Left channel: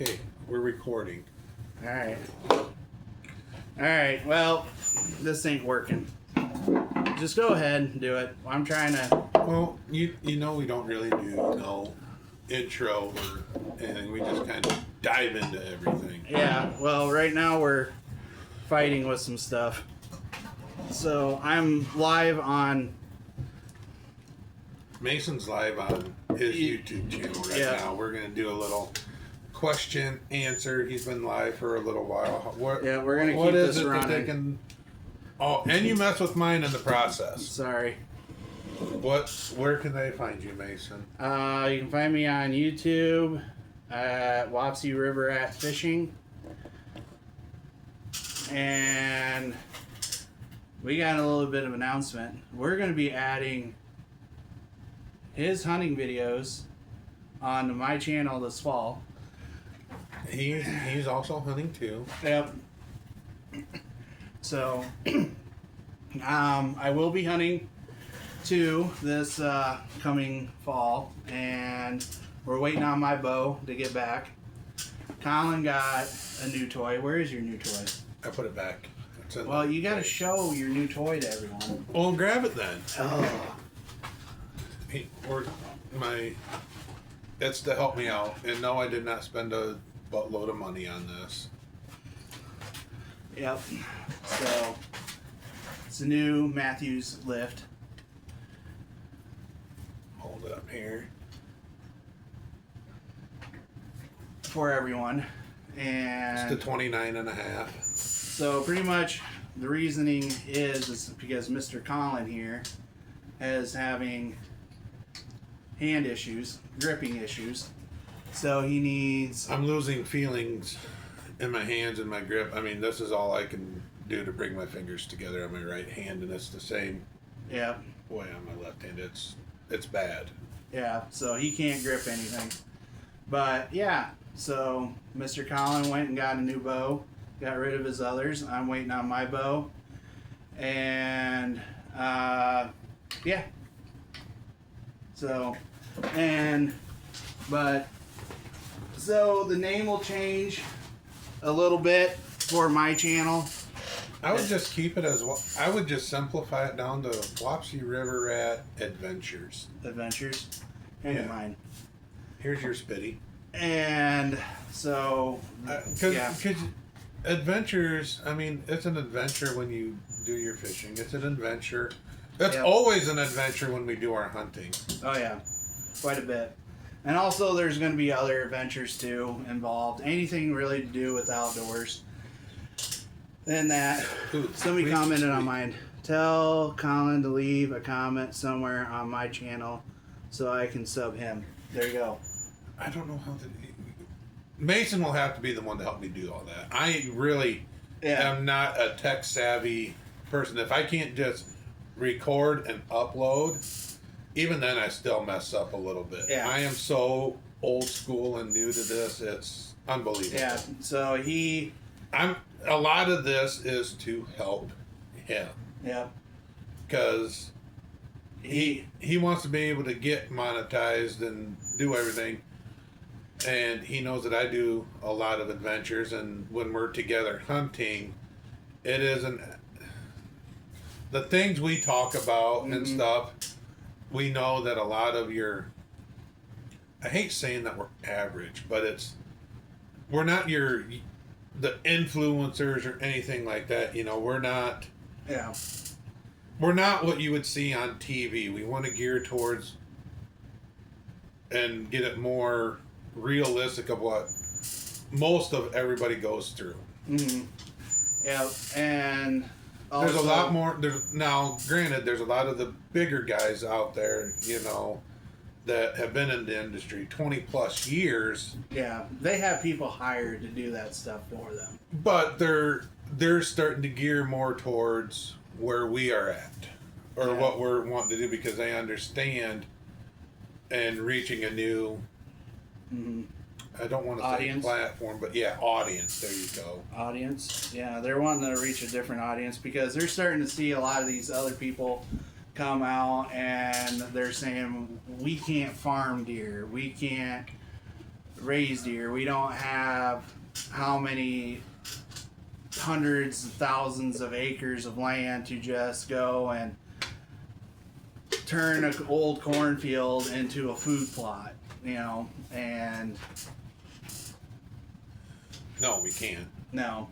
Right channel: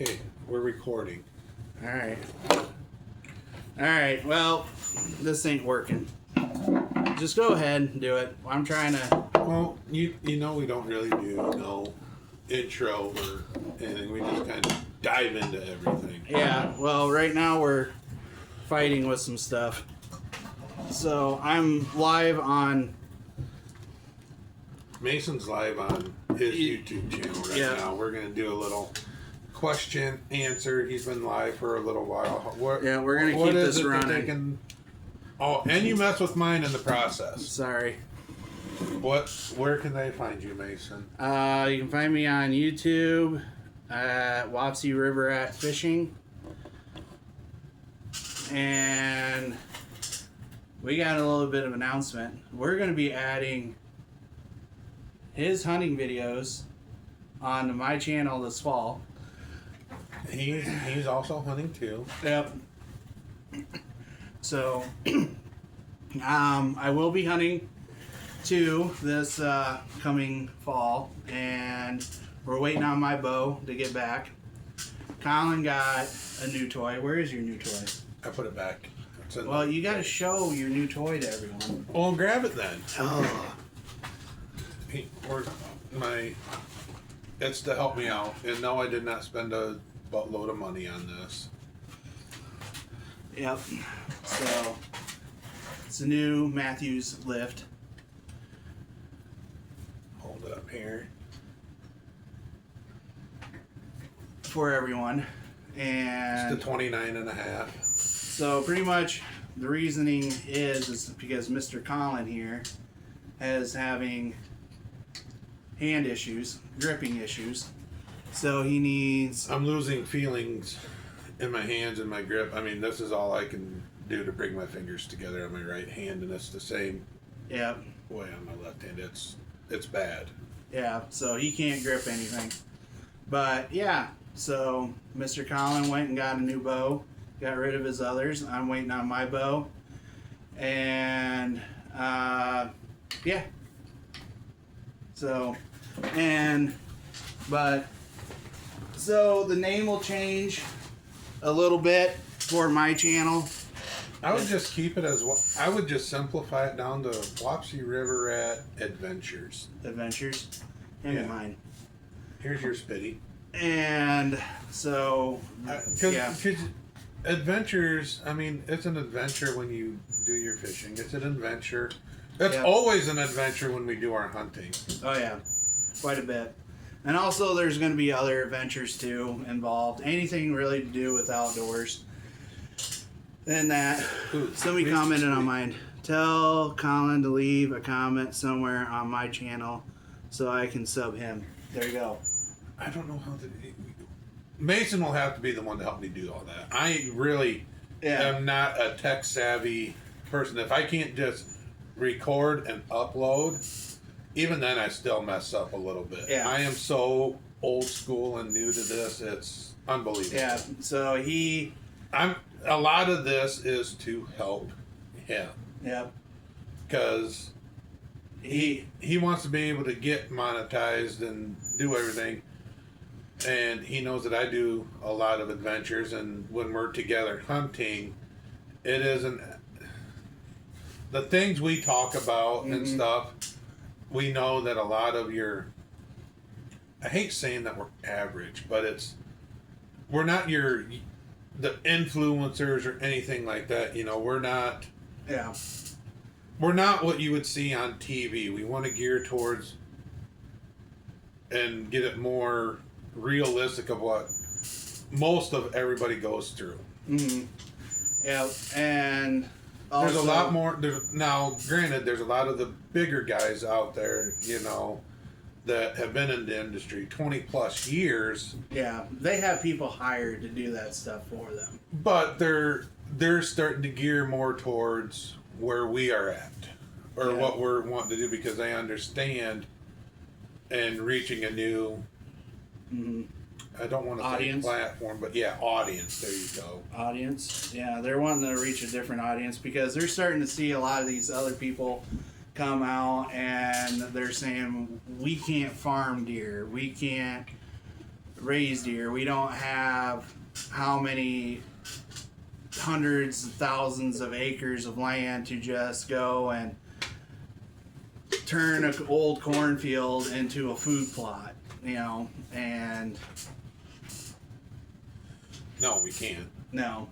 Okay, we're recording. All right. Well, this ain't working. Just go ahead and do it. I'm trying to. Well, you know we don't really do no intro or anything. We just kind of dive into everything. Yeah. Well, right now we're fighting with some stuff. So I'm live on. Mason's live on his YouTube channel right now. We're gonna do a little question answer. He's been live for a little while. We're gonna keep this running. Oh, and you mess with mine in the process. Sorry. Where can they find you, Mason? You can find me on YouTube at Wapsie River at Fishing. And we got a little bit of announcement. We're going to be adding his hunting videos onto my channel this fall. He's also hunting too. Yep. So, I will be hunting too this coming fall, and we're waiting on my bow to get back. Colin got a new toy. Where is your new toy? I put it back. Well, you got to show your new toy to everyone. Well, grab it then. Oh. That's to help me out. And no, I did not spend a buttload of money on this. Yep. So, it's a new Matthews lift. Hold it up here. For everyone. And it's the 29.5. So pretty much the reasoning is because Mr. Colin here is having hand issues, gripping issues. So he needs... I'm losing feelings in my hands and my grip. I mean, this is all I can do to bring my fingers together on my right hand, and it's the same way on my left hand. It's bad. Yeah, so he can't grip anything. But yeah, so Mr. Colin went and got a new bow. Got rid of his others. I'm waiting on my bow. And, yeah. So so the name will change a little bit for my channel. I would just keep it as I would just simplify it down to Wapsie River Rat Adventures. Adventures. And mine. Here's your Spitty. And so, adventures, I mean, it's an adventure when you do your fishing. It's an adventure. It's always an adventure when we do our hunting. Oh, yeah. Quite a bit. And also, there's going to be other adventures, too, involved. Anything really to do with outdoors. And that. Somebody commented on mine. Tell Colin to leave a comment somewhere on my channel so I can sub him. There you go. I don't know how to... Mason will have to be the one to help me do all that. I really am not a tech savvy person. If I can't just record and upload, even then I still mess up a little bit. Yeah. I am so old school and new to this, it's unbelievable. Yeah, so a lot of this is to help him. Yeah. Because he wants to be able to get monetized and do everything. And he knows that I do a lot of adventures, and when we're together hunting, it isn't the things we talk about and stuff. We know that a lot of I hate saying that we're average, but we're not the influencers or anything like that. You know, we're not what you would see on TV. We want to gear towards and get it more realistic of what most of everybody goes through. Yeah, and also, there's a lot more. Now, granted, there's a lot of the bigger guys out there, you know, that have been in the industry 20 plus years. Yeah, they have people hired to do that stuff for them. But they're starting to gear more towards where we are at, or what we're wanting to do, because they understand and reaching a new. I don't want to say platform, but audience. There you go. Audience. Yeah, they're wanting to reach a different audience because they're starting to see a lot of these other people come out and they're saying, we can't farm deer. We can't raised deer. We don't have how many hundreds of thousands of acres of land to just go and turn an old cornfield into a food plot, and No, we can't. no.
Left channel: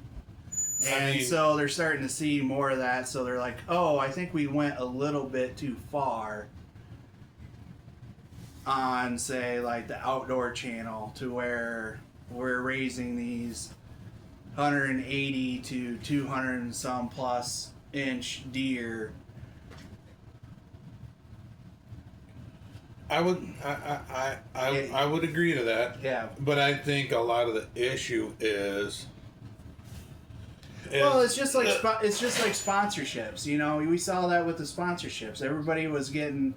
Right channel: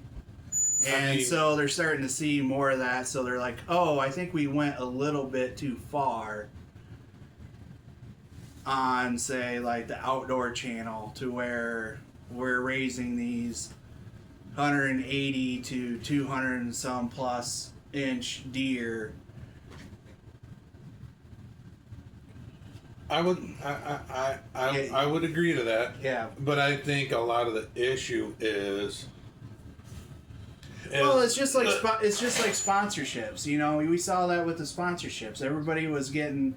I And mean- so they're starting to see more of that. So they're like, oh, I think we went a little bit too far on, say, like the outdoor channel to where we're raising these 180 to 200 and some plus inch deer. I would I would agree to that, Yeah. but I think a lot of the issue is. Well, it's just like sponsorships. We saw that with the sponsorships. Everybody was getting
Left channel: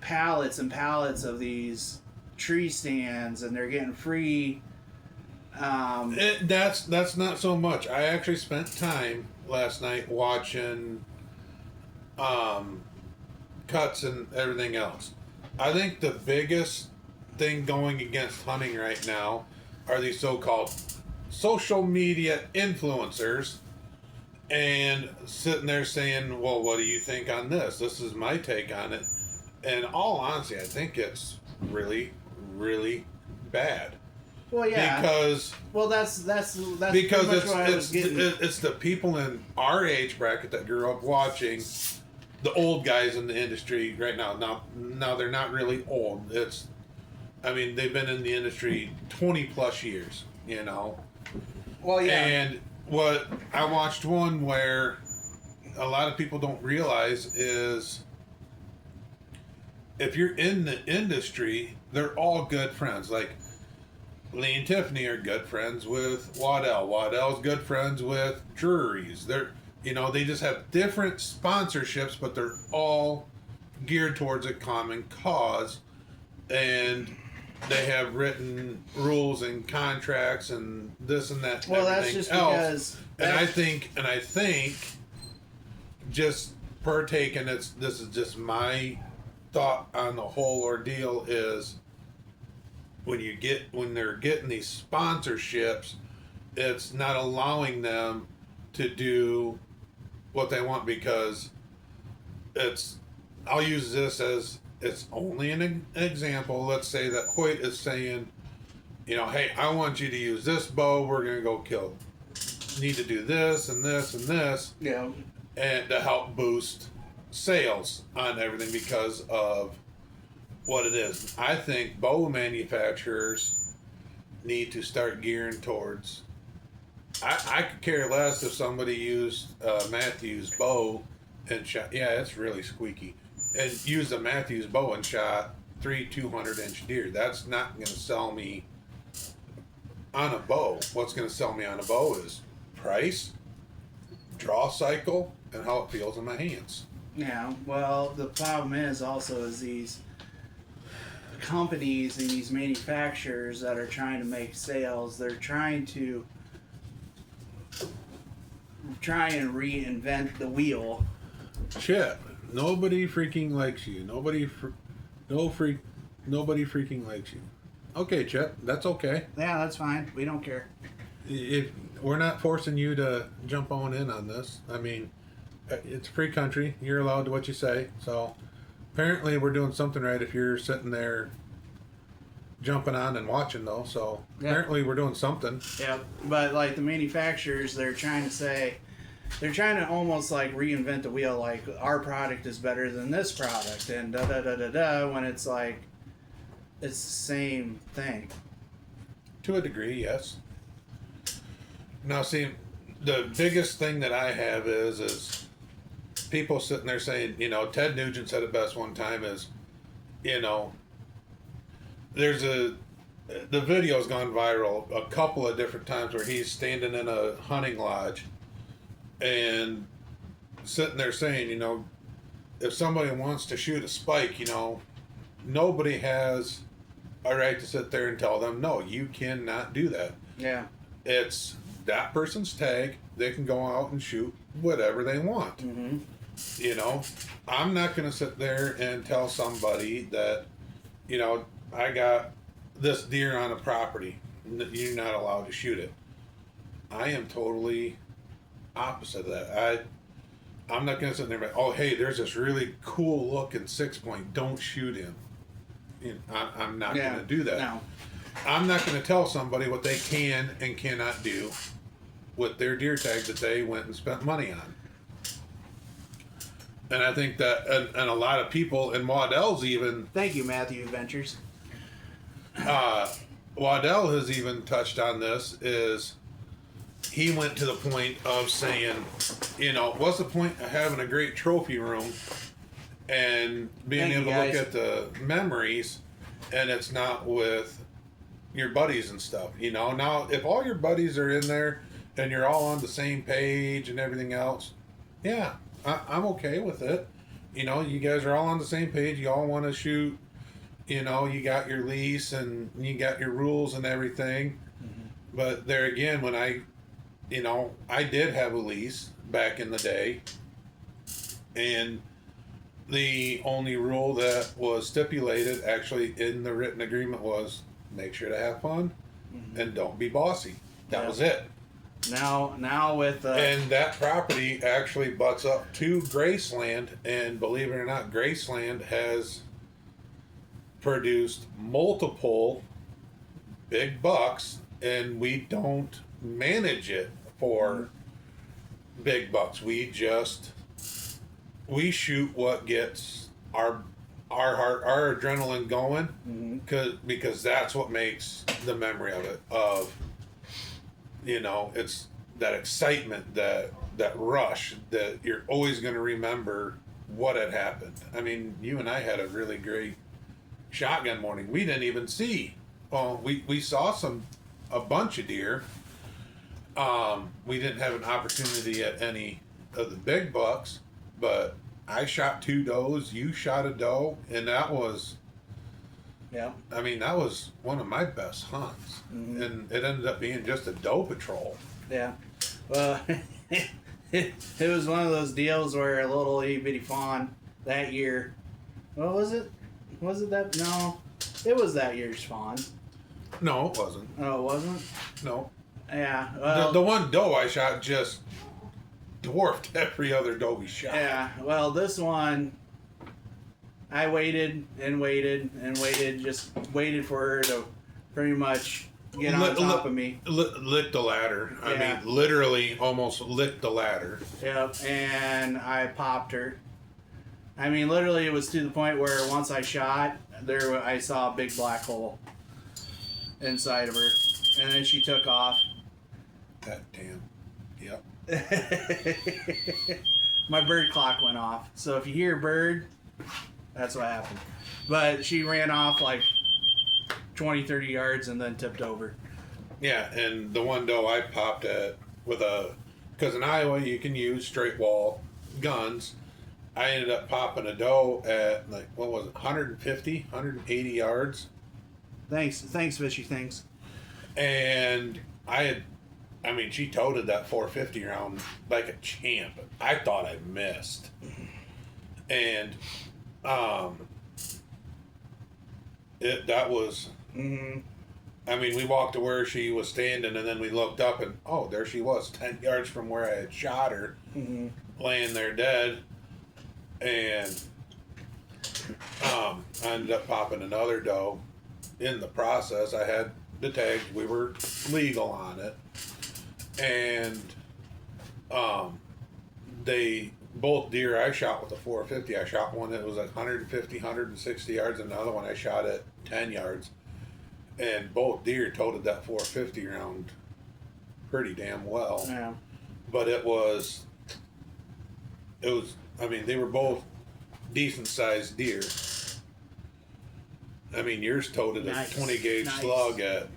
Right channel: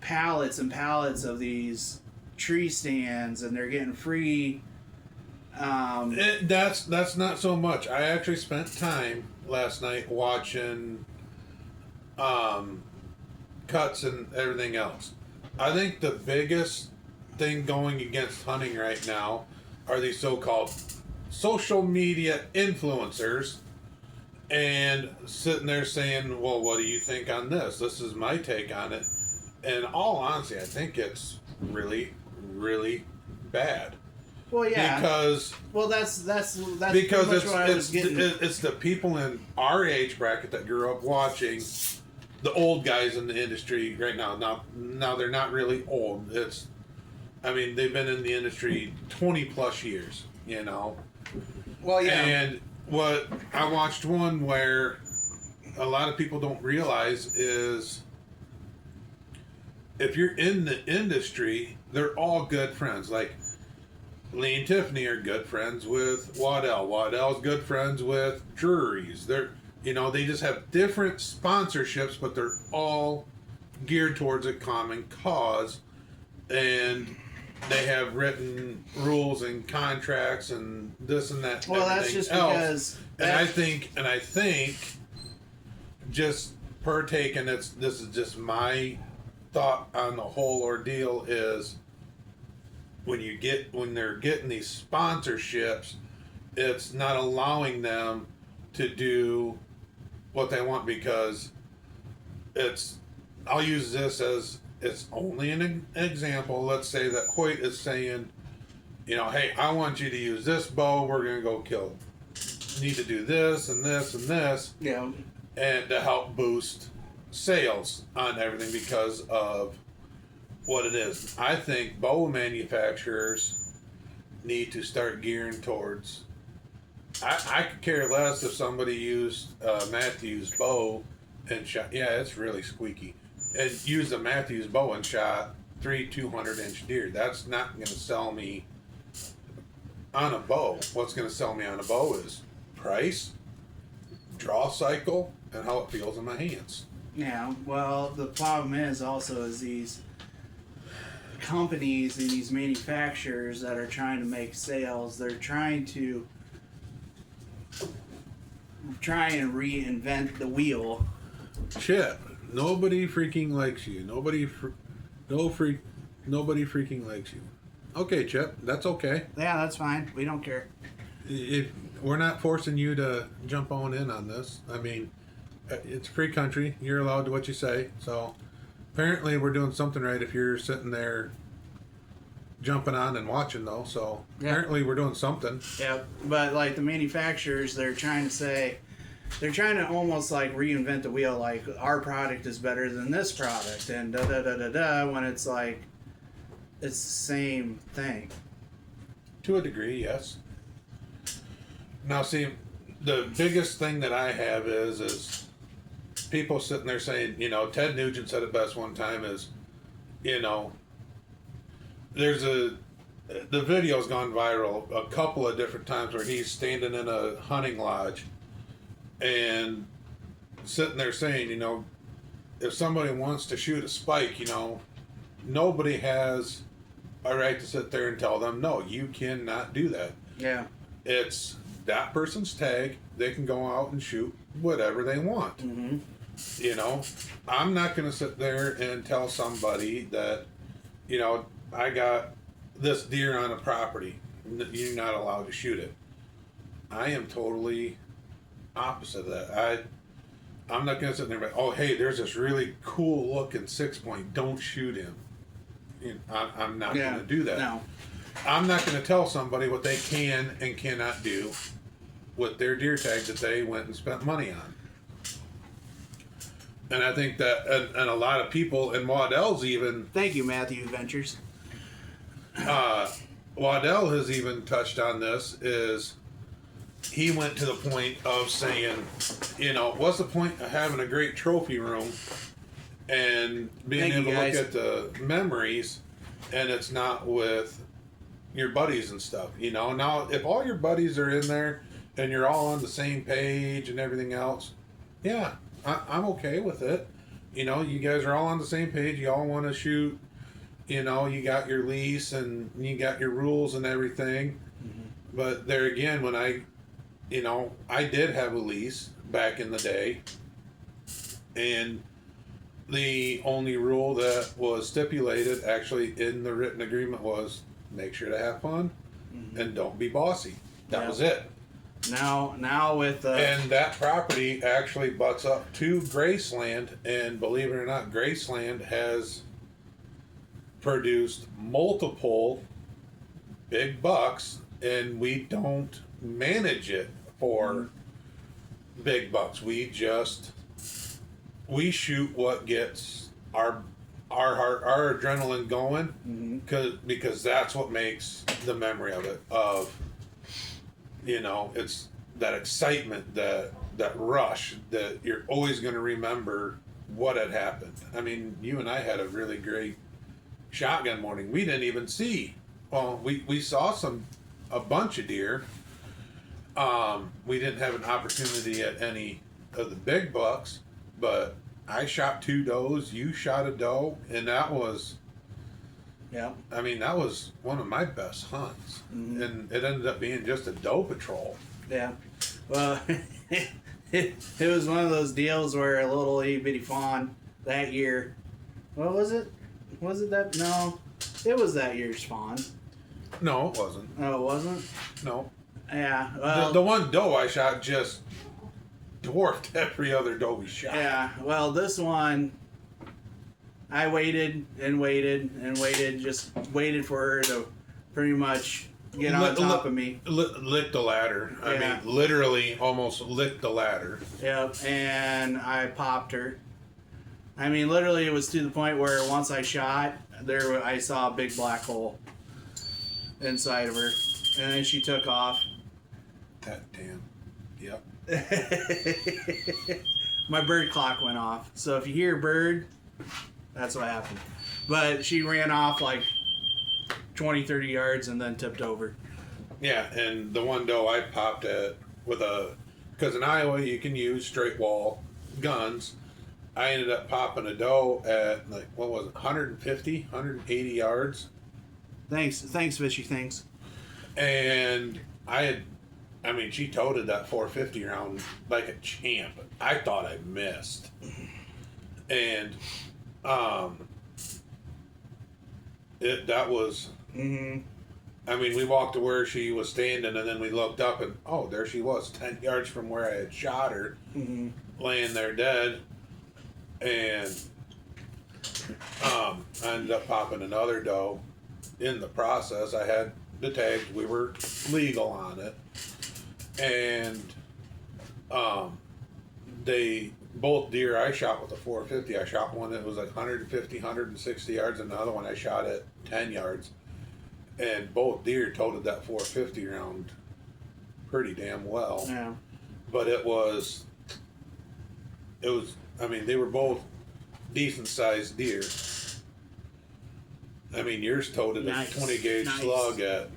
pallets and pallets of these tree stands, and they're getting free. That's not so much. I actually spent time last night watching cuts and everything else. I think the biggest thing going against hunting right now are these so-called social media influencers and sitting there saying, well, what do you think on this? This is my take on it. And all honesty, I think it's really, really bad. Well, yeah. Because that's because pretty much what I was getting. it's the people in our age bracket that grew up watching the old guys in the industry right now. Now they're not really old. They've been in the industry 20 plus years, Well, yeah. And what I watched one where a lot of people don't realize is if you're in the industry, they're all good friends. Like Lee and Tiffany are good friends with Waddell. Waddell's good friends with Drury's. They just have different sponsorships, but they're all geared towards a common cause, and they have written rules and contracts and this and that. And Well, that's everything just else. because. And I think, just per take, and this is just my thought on the whole ordeal is when they're getting these sponsorships, it's not allowing them to do what they want because I'll use this as it's only an example. Let's say that Hoyt is saying, hey, I want you to use this bow. We're going to go kill. Need to do this and this and this. Yeah. And to help boost sales on everything because of what it is. I think bow manufacturers need to start gearing towards. I could care less if somebody used Matthews bow and shot. Yeah, it's really squeaky. And used a Matthews bow and shot 3 200-inch deer. That's not going to sell me on a bow. What's going to sell me on a bow is price, draw cycle, and how it feels in my hands. Yeah, well, the problem is these companies and these manufacturers that are trying to make sales, they're trying and reinvent the wheel. Chip, nobody freaking likes you. Nobody freaking likes you. Okay, Chip, that's okay. Yeah, that's fine. We don't care. If we're not forcing you to jump on this. It's a free country. You're allowed to what you say. So apparently we're doing something right if you're sitting there jumping on and watching though. So Yeah. apparently we're doing something. Yeah, but like the manufacturers, they're trying to almost like reinvent the wheel. Like our product is better than this product, and da da da da da. When it's like it's the same thing. To a degree, yes. Now, see, the biggest thing that I have is people sitting there saying, Ted Nugent said it best one time is, the video's gone viral a couple of different times where he's standing in a hunting lodge and sitting there saying, if somebody wants to shoot a spike, nobody has a right to sit there and tell them, no, you cannot do that. Yeah. It's that person's tag. They can go out and shoot whatever they want. Mm-hmm. I'm not going to sit there and tell somebody that, I got this deer on a property, you're not allowed to shoot it. I am totally opposite of that. I'm not gonna sit there and oh hey, there's this really cool looking 6-point. Don't shoot him. I'm not gonna do that. No. I'm not gonna tell somebody what they can and cannot do with their deer tag that they went and spent money on. And I think that, and a lot of people, and Waddell's even. Thank you, Matthew Ventures. Waddell has even touched on this. Is he went to the point of saying, what's the point of having a great trophy room and being able to look at the memories, and it's not with your buddies and stuff. Now if all your buddies are in there and you're all on the same page and everything else, yeah, I'm okay with it. You guys are all on the same page. You all want to shoot. You got your lease and you got your rules and everything. Mm-hmm. But there again, when I did have a lease back in the day, and the only rule that was stipulated actually in the written agreement was make sure to have fun and don't be bossy. That was it. Now with and that property actually butts up to Graceland, and believe it or not, Graceland has produced multiple big bucks, and we don't manage it for big bucks. We shoot what gets our adrenaline going, because that's what makes the memory of it. It's that excitement, that rush that you're always going to remember what had happened. I mean, you and I had a really great shotgun morning. We didn't even see. Well, we saw a bunch of deer. We didn't have an opportunity at any of the big bucks, but I shot 2 does. You shot a doe, and that was. Yeah. I mean, that was one of my best hunts, and it ended up being just a doe patrol. Yeah. Well, it was one of those deals where a little itty bitty fawn that year. What was it? Was it that? No, it was that year's fawn. No, it wasn't. Oh, it wasn't? No. Yeah. Well, the one doe I shot just dwarfed every other doe we shot. Yeah. Well, this one, I waited and waited and waited, just waited for her to pretty much get on top of me. Lick the ladder. I mean, literally almost licked the ladder. Yep, and I popped her. I mean, literally, it was to the point where once I shot, I saw a big black hole inside of her, and then she took off. God damn. Yep. My bird clock went off. So if you hear bird, that's what happened. But she ran off like 20, 30 yards and then tipped over. Yeah, and the one doe I popped at because in Iowa you can use straight wall guns. I ended up popping a doe at 150, 180 yards. Thanks, Fishy, thanks. And she toted that 450 round like a champ. I thought I missed. And that was. Mm-hmm. I mean, we walked to where she was standing, and then we looked up, and there she was, 10 yards from where I had shot her, laying there dead. And I ended up popping another doe. In the process, I had the tags. We were legal on it, and both deer I shot with a 450. I shot one that was like 150, 160 yards, and another one I shot at 10 yards. And both deer toted that 450 round pretty damn well. Yeah. But it was, I mean, they were both decent sized deer. I mean, yours toted a 20 gauge slug at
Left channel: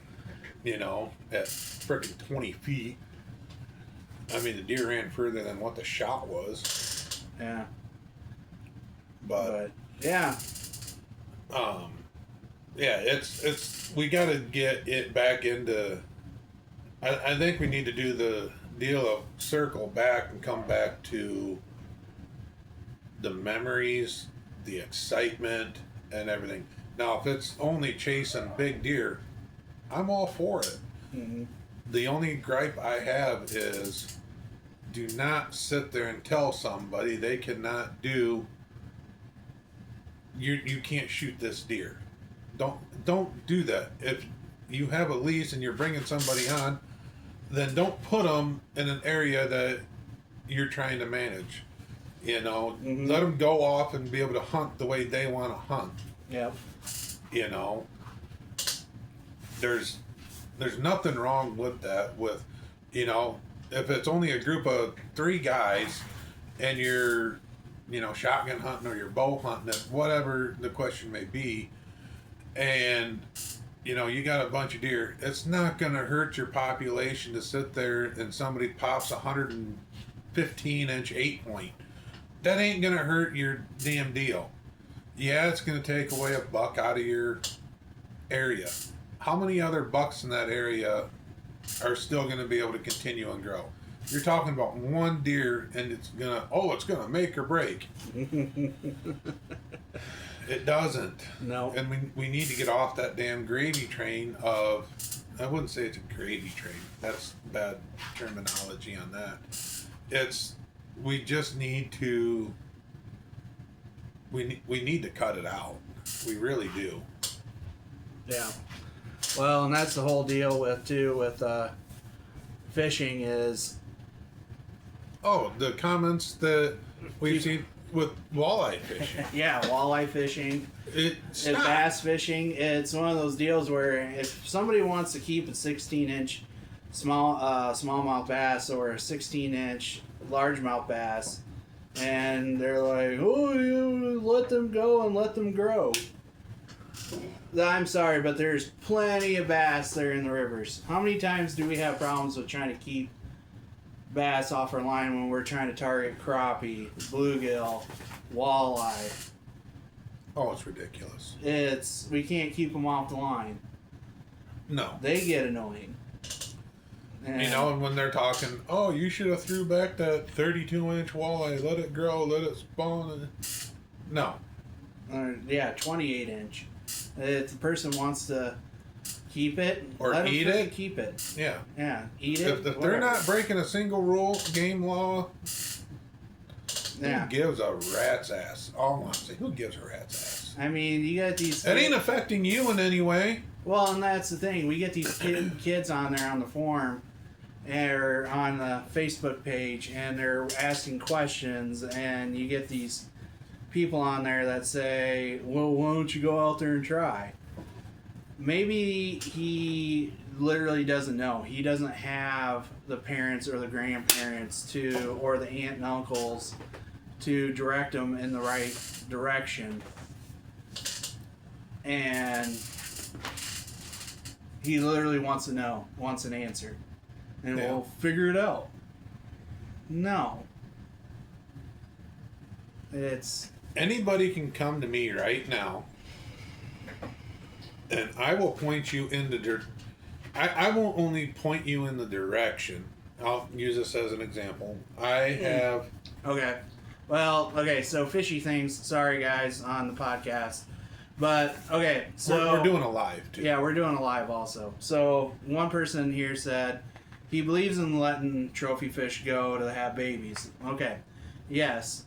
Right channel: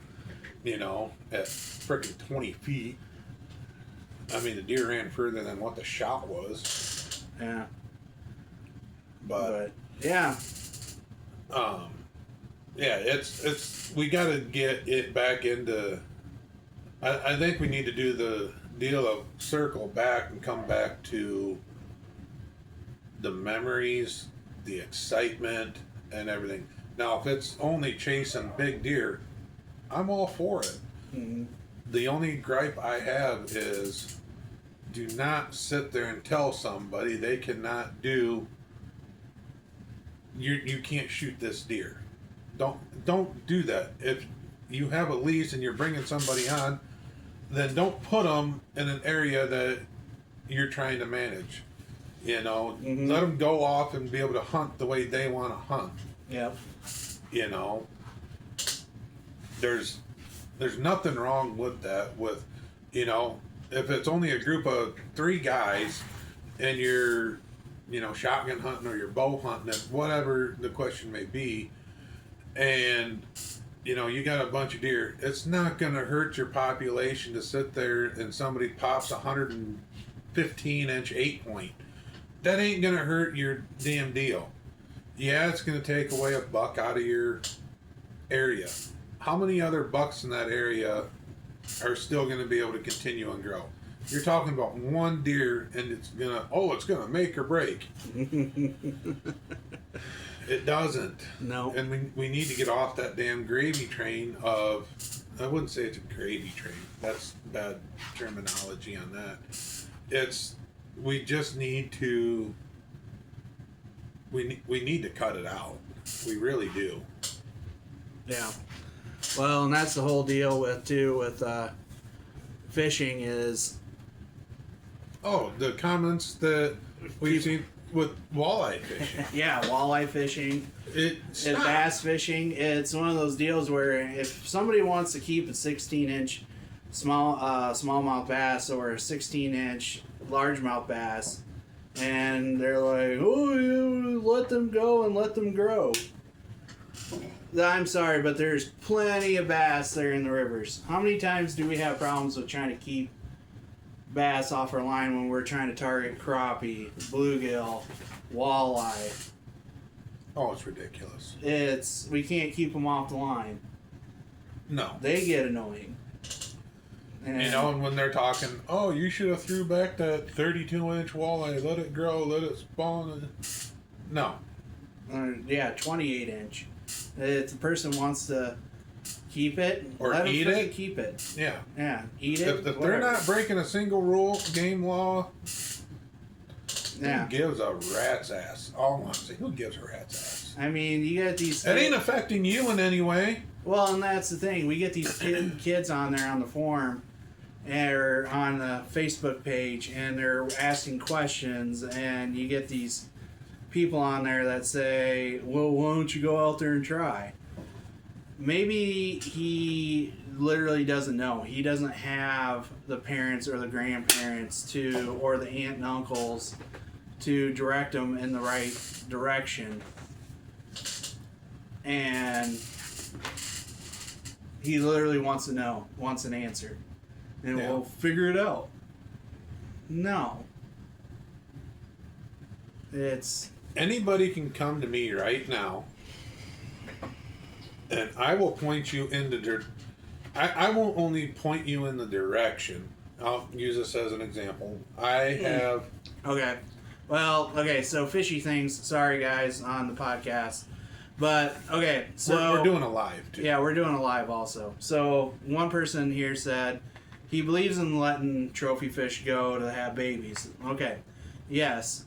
freaking 20 feet. I mean, the deer ran further than what the shot was. Yeah. But yeah. Yeah, it's we got to get it back into. I think we need to do the deal of circle back and come back to the memories, the excitement, and everything. Now, if it's only chasing big deer, I'm all for it. Mm-hmm. The only gripe I have is do not sit there and tell somebody they cannot do. You can't shoot this deer. Don't do that. If you have a lease and you're bringing somebody on, then don't put them in an area that you're trying to manage. You know, let them go off and be able to hunt the way they want to hunt. Yep. You know, there's nothing wrong with that. With, you know, if it's only a group of 3 guys and you're, you know, shotgun hunting or you're bow hunting, whatever the question may be, and you know you got a bunch of deer, it's not going to hurt your population to sit there and somebody pops a 115-inch 8-point. That ain't going to hurt your damn deal. Yeah, it's going to take away a buck out of your area. How many other bucks in that area are still going to be able to continue and grow? You're talking about one deer, and it's gonna make or break. It doesn't. No. And we need to get off that damn gravy train of. I wouldn't say it's a gravy train. That's bad terminology on that. We just need to. We need to cut it out. We really do. Yeah. Well, and that's the whole deal with fishing is. Oh, the comments that we've seen with walleye fishing. Yeah, walleye fishing. And bass fishing. It's one of those deals where if somebody wants to keep a 16-inch smallmouth bass or a 16-inch largemouth bass, and they're like, oh, you let them go and let them grow. I'm sorry, but there's plenty of bass there in the rivers. How many times do we have problems with trying to keep bass off our line when we're trying to target crappie, bluegill, walleye? Oh, it's ridiculous. We can't keep them off the line. No. They get annoying. And, you know, and when they're talking, oh, you should have threw back that 32-inch walleye, let it grow, let it spawn. No. 28-inch. If the person wants to keep it, or let eat them it. Keep it. Yeah. Yeah, eat it. If they're not breaking a single rule, game law, yeah. Who gives a rat's ass? All I want to say, who gives a rat's ass? I mean, you got these. It ain't affecting you in any way. Well, and that's the thing. We get these kids on there on the forum or on the Facebook page, and they're asking questions, and you get these people on there that say, well, why don't you go out there and try? Maybe he literally doesn't know. He doesn't have the parents or the grandparents or the aunt and uncles to direct him in the right direction. And he literally wants to know, wants an answer. And we'll figure it out. No. Anybody can come to me right now, and I will point you in the I won't only point you in the direction. I'll use this as an example. I have. Okay. Well, okay, so fishy things. Sorry, guys, on the podcast. But, okay, so. We're doing a live, too. Yeah, we're doing a live also. So, one person here said he believes in letting trophy fish go to have babies. Okay. Yes.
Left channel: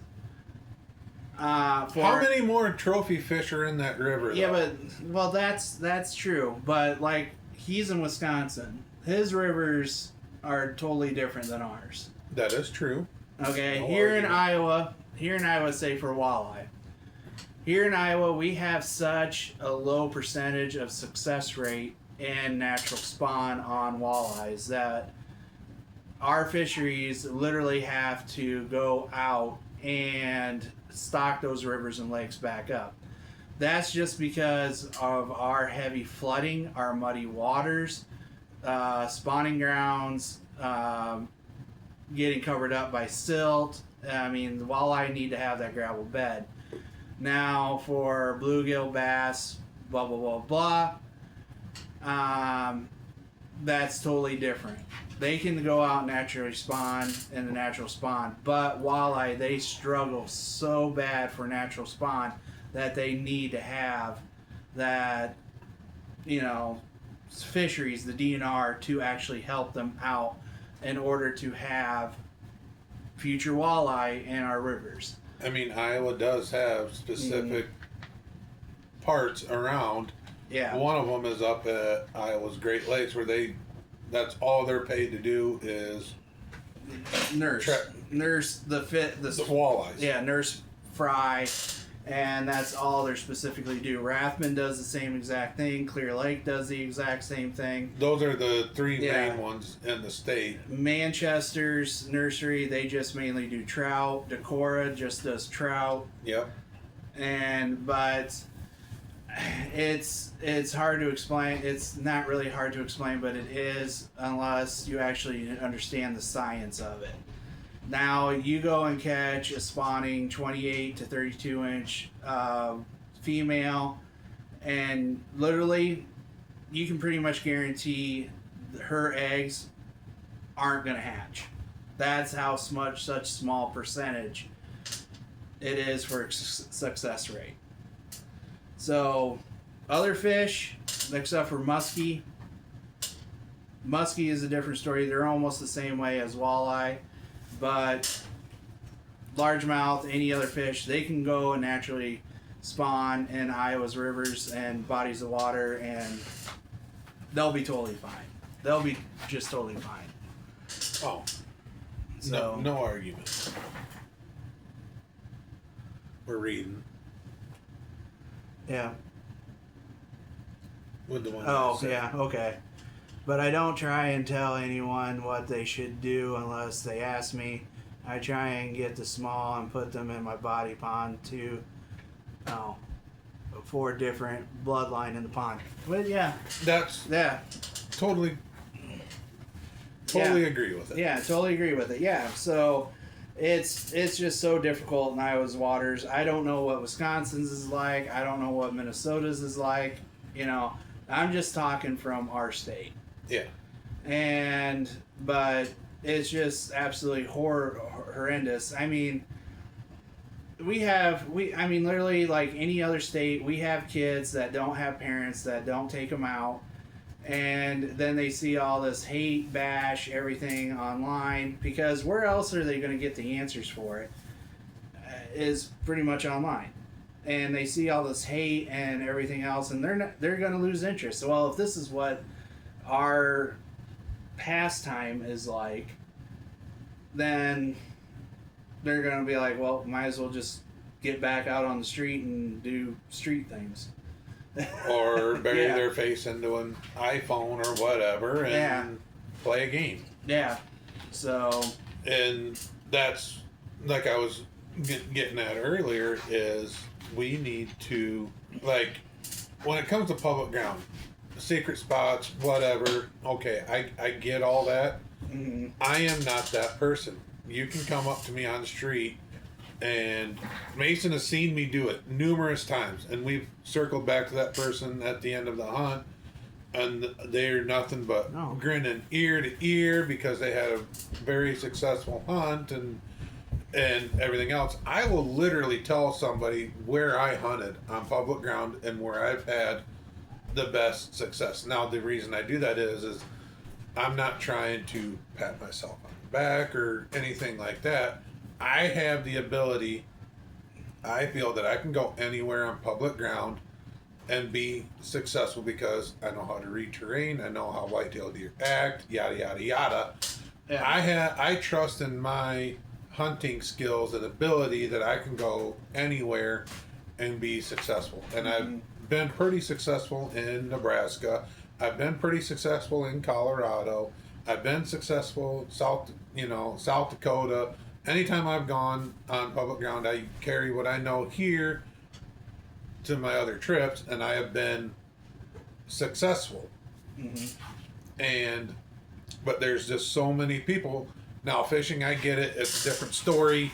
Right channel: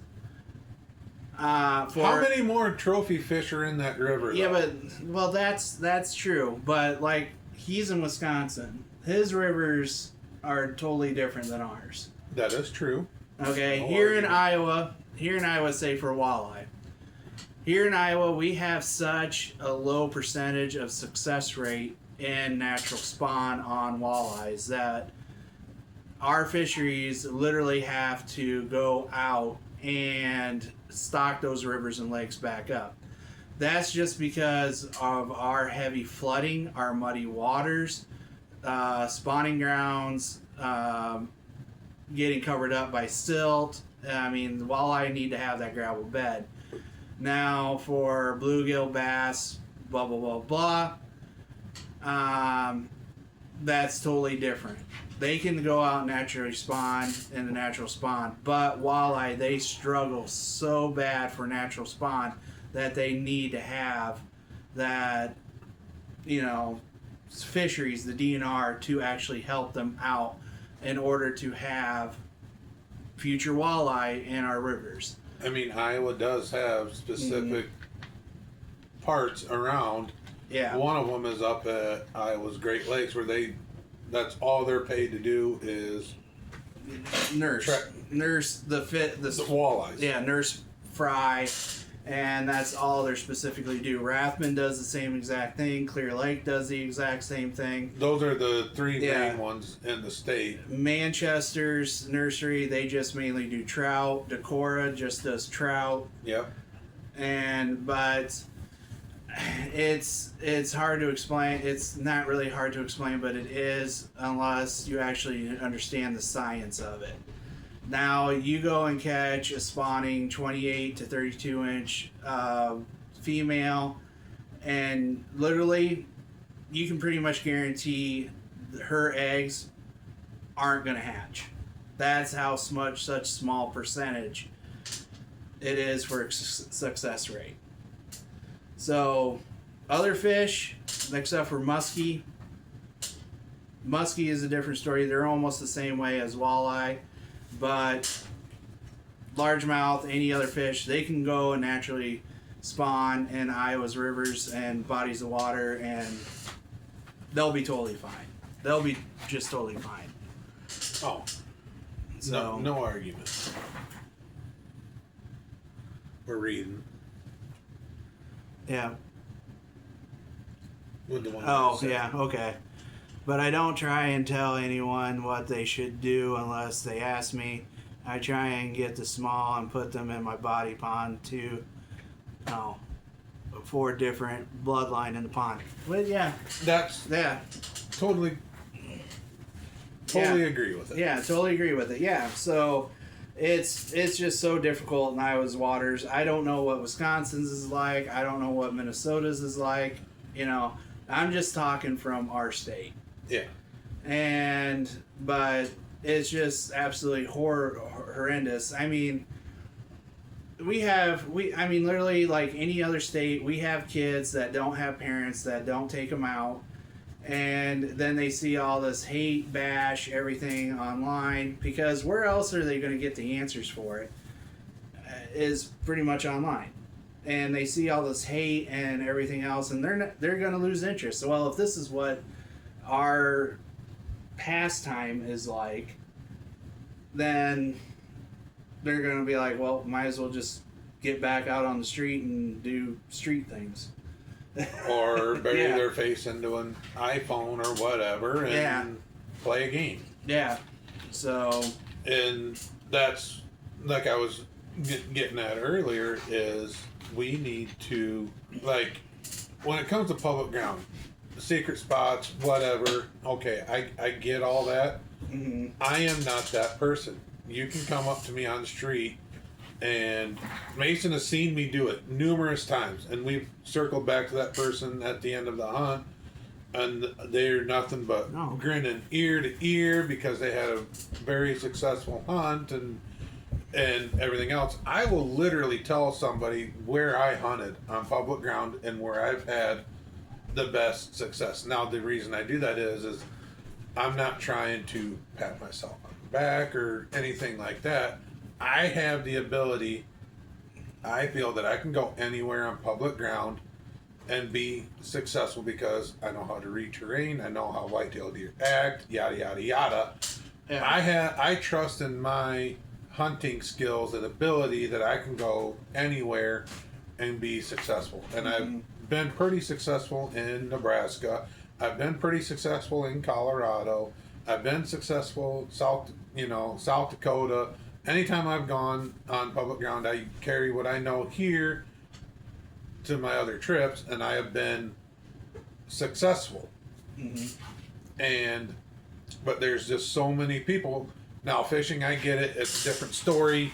How many more trophy fish are in that river? Yeah, but that's true. But like he's in Wisconsin, his rivers are totally different than ours. That is true. Okay, here in Iowa, say for walleye. Here in Iowa, we have such a low percentage of success rate in natural spawn on walleyes that our fisheries literally have to go out and stock those rivers and lakes back up. That's just because of our heavy flooding, our muddy waters, spawning grounds, getting covered up by silt. I mean, the walleye need to have that gravel bed. Now, for bluegill, bass, blah, blah, blah, blah, that's totally different. They can go out and naturally spawn in the natural spawn, but walleye, they struggle so bad for natural spawn that they need to have that, fisheries, the DNR, to actually help them out in order to have future walleye in our rivers. I mean, Iowa does have specific parts around. Yeah. One of them is up at Iowa's Great Lakes, where that's all they're paid to do is nurse the walleyes. Yeah, nurse fry, and that's all they're specifically do. Rathman does the same exact thing. Clear Lake does the exact same thing. Those are the three main ones in the state. Manchester's nursery, they just mainly do trout. Decorah just does trout. Yep. But it's hard to explain. It's not really hard to explain, but it is, unless you actually understand the science of it. Now, you go and catch a spawning 28 to 32 inch female, and literally you can pretty much guarantee her eggs aren't going to hatch. That's how such small percentage it is for success rate. So, other fish, except for muskie. Muskie is a different story. They're almost the same way as walleye, but largemouth, any other fish, they can go and naturally spawn in Iowa's rivers and bodies of water, and they'll be totally fine. They'll be just totally fine. Oh, so no argument. We're reading. Yeah. With the one. Oh, yeah, okay. But I don't try and tell anyone what they should do unless they ask me. I try and get the small and put them in my body pond to, 4 different bloodline in the pond. But yeah. That's totally agree with it. Yeah, totally agree with it. Yeah, so it's just so difficult in Iowa's waters. I don't know what Wisconsin's is like. I don't know what Minnesota's is like. I'm just talking from our state. Yeah. But it's just absolutely horrendous. I mean, literally like any other state, we have kids that don't have parents that don't take them out. And then they see all this hate, bash, everything online, because where else are they going to get the answers for it? Is pretty much online. And they see all this hate and everything else, and they're going to lose interest. So, well, if this is what our pastime is like, then they're going to be like, well, might as well just get back out on the street and do street things. Or bury their face into an iPhone or whatever and play a game. Yeah. So. And that's, like I was getting at earlier, is we need to, like, when it comes to public ground, secret spots, whatever, okay, I get all that. Mm-hmm. I am not that person. You can come up to me on the street, and Mason has seen me do it numerous times, and we've circled back to that person at the end of the hunt, and they're nothing but grinning ear to ear because they had a very successful hunt and everything else. I will literally tell somebody where I hunted on public ground and where I've had the best success. Now, the reason I do that is I'm not trying to pat myself on the back or anything like that. I have the ability, I feel that I can go anywhere on public ground and be successful because I know how to read terrain, I know how white-tailed deer act, yada, yada, yada. Yeah. I trust in my hunting skills and ability that I can go anywhere and be successable. And I've been pretty successful in Nebraska. I've been pretty successful in Colorado. I've been successful South Dakota. Anytime I've gone on public ground, I carry what I know here to my other trips, and I have been successful. Mm-hmm. But there's just so many people. Now, fishing, I get it. It's a different story,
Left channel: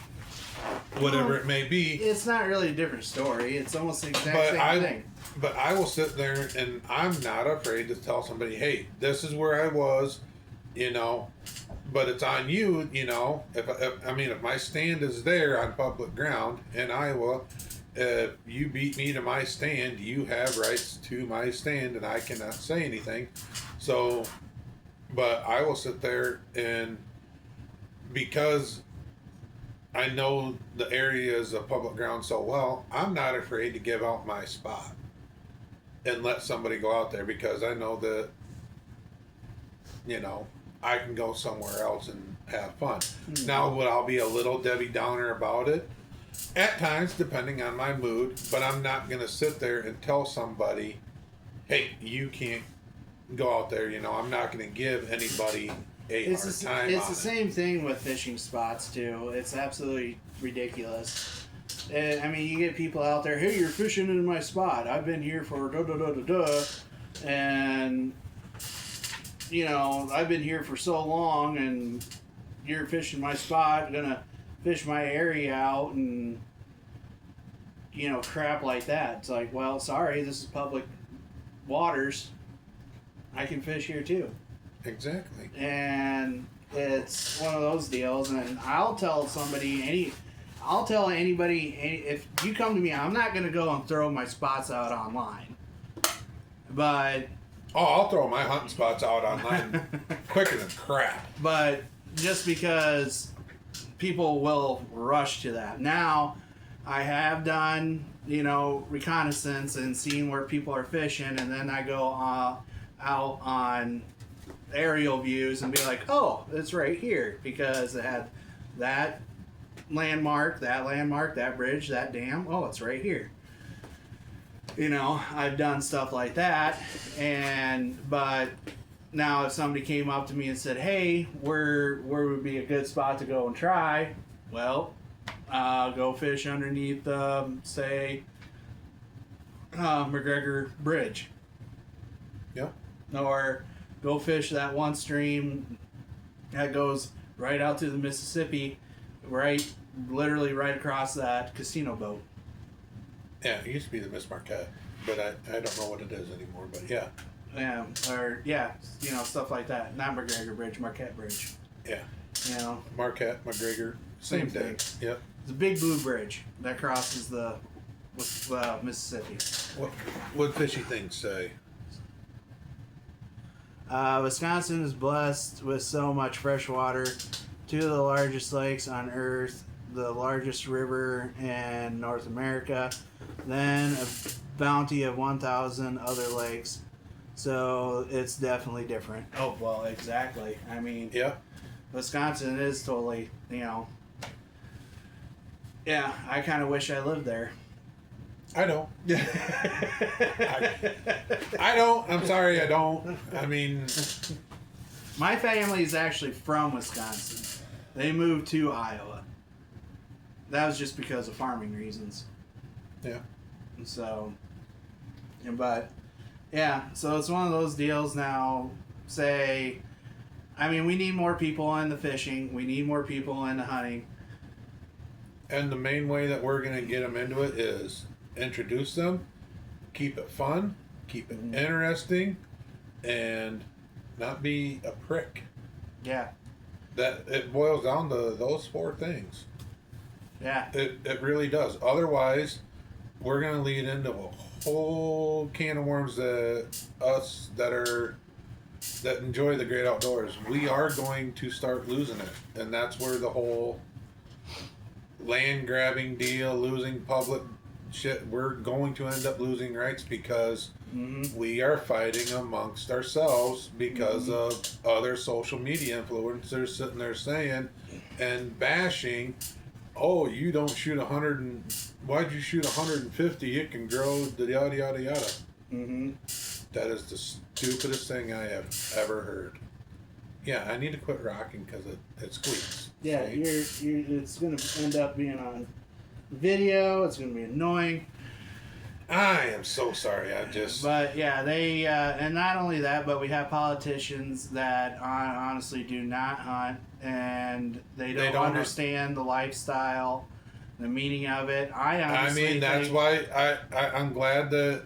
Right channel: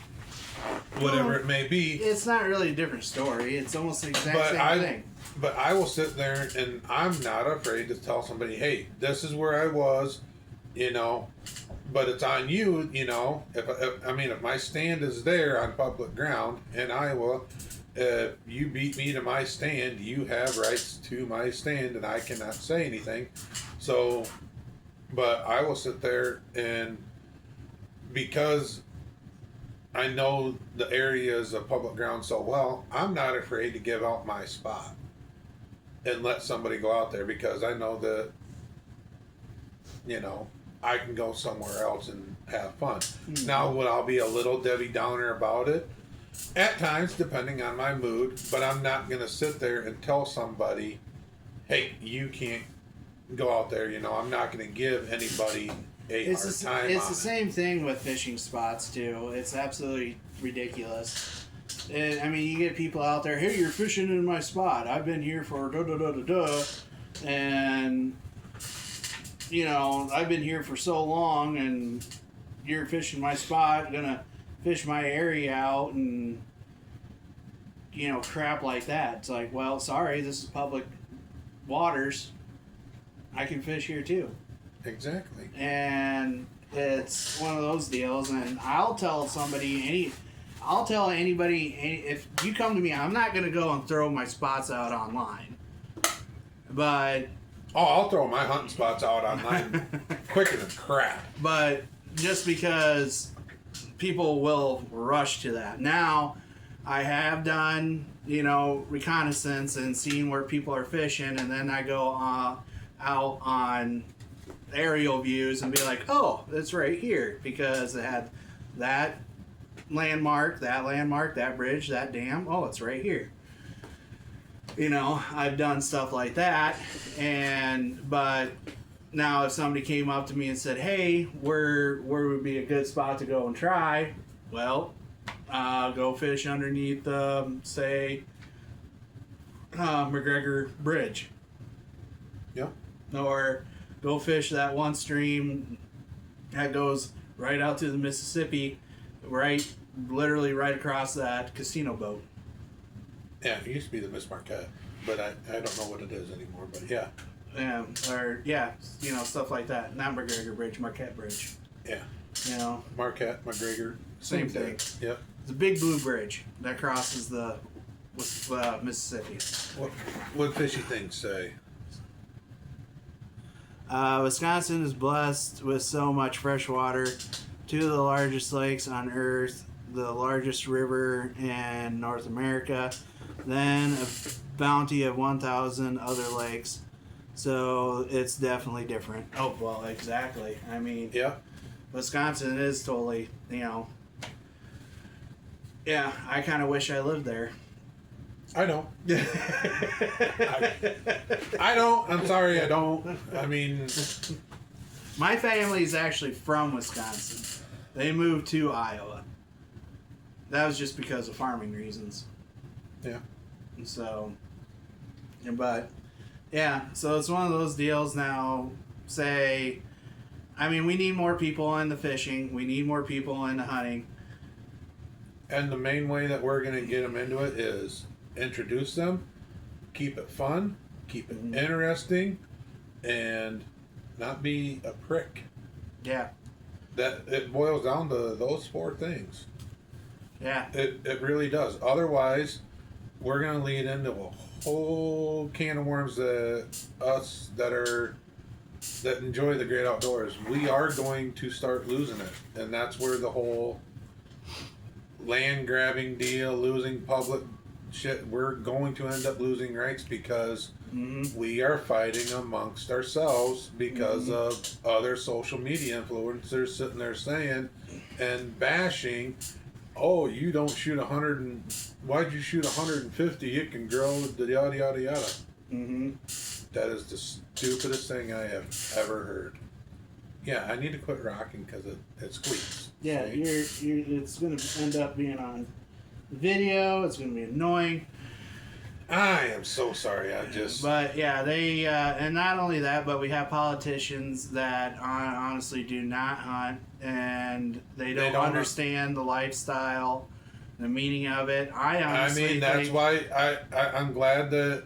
whatever it may be. It's not really a different story. It's almost the exact same thing. But I will sit there, and I'm not afraid to tell somebody, hey, this is where I was, but it's on you, If my stand is there on public ground in Iowa, if you beat me to my stand, you have rights to my stand, and I cannot say anything. So, but I will sit there, and because I know the areas of public ground so well, I'm not afraid to give out my spot and let somebody go out there, because I know that, I can go somewhere else and have fun. Mm-hmm. Now, would I be a little Debbie Downer about it? At times, depending on my mood, but I'm not going to sit there and tell somebody, hey, you can't go out there. I'm not going to give anybody hard time. It's the same thing with fishing spots, too. It's absolutely ridiculous. And, I mean, you get people out there, hey, you're fishing in my spot. I've been here for da-da-da-da-da. And, I've been here for so long, and you're fishing my spot, gonna fish my area out, and, crap like that. It's like, well, sorry, this is public waters. I can fish here, too. Exactly. And it's one of those deals, and I'll tell anybody, if you come to me, I'm not going to go and throw my spots out online. But... Oh, I'll throw my hunting spots out online quicker than crap. But just because people will rush to that. Now, I have done, reconnaissance and seen where people are fishing, and then I go out on aerial views and be like, oh, it's right here, because it had that landmark, that bridge, that dam. Oh, it's right here. I've done stuff like that, but now if somebody came up to me and said, hey, where would be a good spot to go and try? Well, go fish underneath, say, McGregor Bridge. Yep. Or go fish that one stream that goes right out to the Mississippi, literally right across that casino boat. Yeah, it used to be the Miss Marquette, but I don't know what it is anymore, but yeah. Yeah, or, stuff like that. Not McGregor Bridge, Marquette Bridge. Yeah. Marquette, McGregor, same thing. Yep. It's a big blue bridge that crosses the Mississippi. What fishy things say? Wisconsin is blessed with so much fresh water. 2 of the largest lakes on Earth, the largest river in North America, then a bounty of 1,000 other lakes. So it's definitely different. Oh, well, exactly. I mean, yeah. Wisconsin is totally, yeah, I kind of wish I lived there. I don't. I don't. I'm sorry, I don't. I mean... My family is actually from Wisconsin. They moved to Iowa. That was just because of farming reasons. Yeah. And so, but, yeah, so it's one of those deals now, we need more people in the fishing. We need more people in the hunting. And the main way that we're going to get them into it is introduce them, keep it fun, keep it interesting, and not be a prick. Yeah. That it boils down to those 4 things. Yeah. It really does. Otherwise, we're going to lead into a whole can of worms that enjoy the great outdoors. We are going to start losing it. And that's where the whole land grabbing deal, losing public shit, we're going to end up losing rights because we are fighting amongst ourselves because of other social media influencers sitting there saying and bashing, oh, you don't shoot 100 and why'd you shoot 150? It can grow, yada yada yada. That is the stupidest thing I have ever heard. Yeah, I need to quit rocking because it squeaks. Yeah, it's going to end up being on video. It's going to be annoying. I am so sorry. But yeah, they and not only that, but we have politicians that honestly do not hunt, and they don't understand the lifestyle, the meaning of it. That's why I'm glad that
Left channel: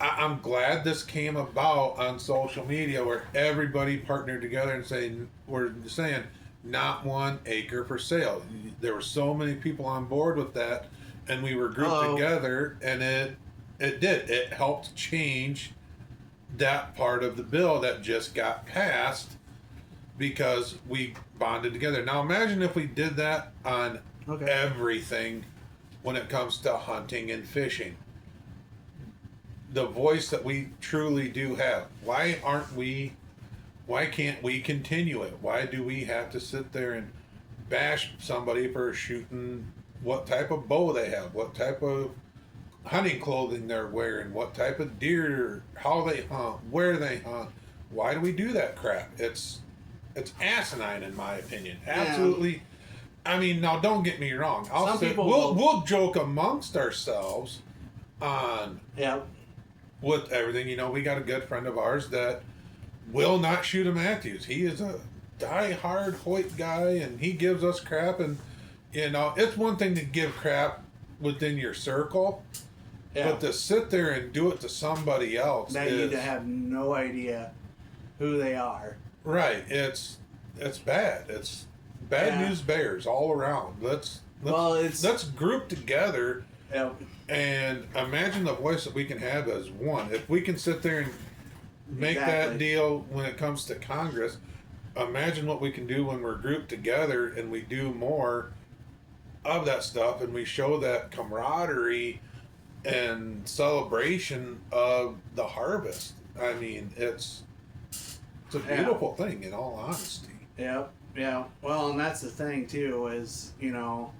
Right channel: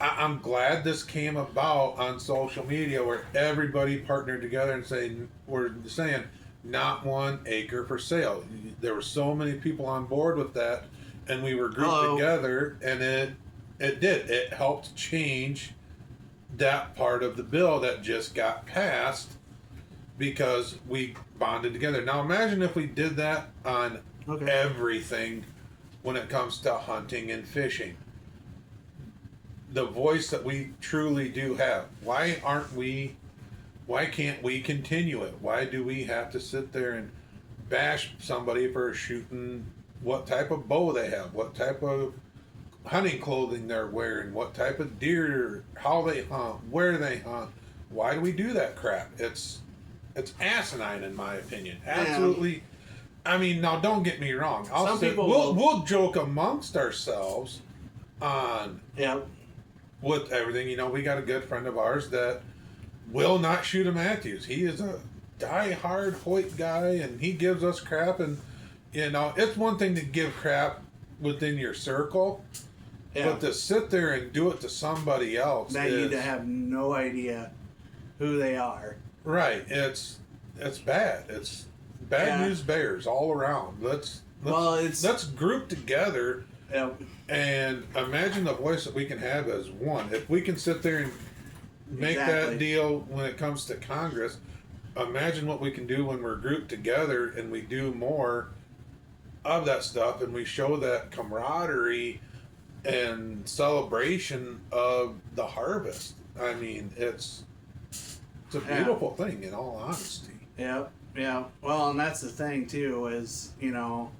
I'm glad this came about on social media where everybody partnered together and we're saying not 1 acre for sale. There were so many people on board with that, and we were grouped together, and it helped change that part of the bill that just got passed because we bonded together. Now imagine if we did that on everything when it comes to hunting and fishing. The voice that we truly do have. Why can't we continue it? Why do we have to sit there and bash somebody for shooting what type of bow they have, what type of hunting clothing they're wearing, what type of deer, how they hunt, where they hunt? Why do we do that crap? It's asinine in my opinion. Absolutely. I mean, now don't get me wrong. We'll joke amongst ourselves on with everything. You know, we got a good friend of ours that will not shoot a Matthews. He is a die-hard Hoyt guy, and he gives us crap. And you know, it's one thing to give crap within your circle, but to sit there and do it to somebody else that you have no idea who they are. Right. It's bad. It's bad news bears all around. Let's group together. And imagine the voice that we can have as one. If we can sit there and make that deal when it comes to Congress, imagine what we can do when we're grouped together and we do more of that stuff and we show that camaraderie and celebration of the harvest. I mean, it's a beautiful thing, in all honesty. Yeah. Well, and that's the thing too, is, you know,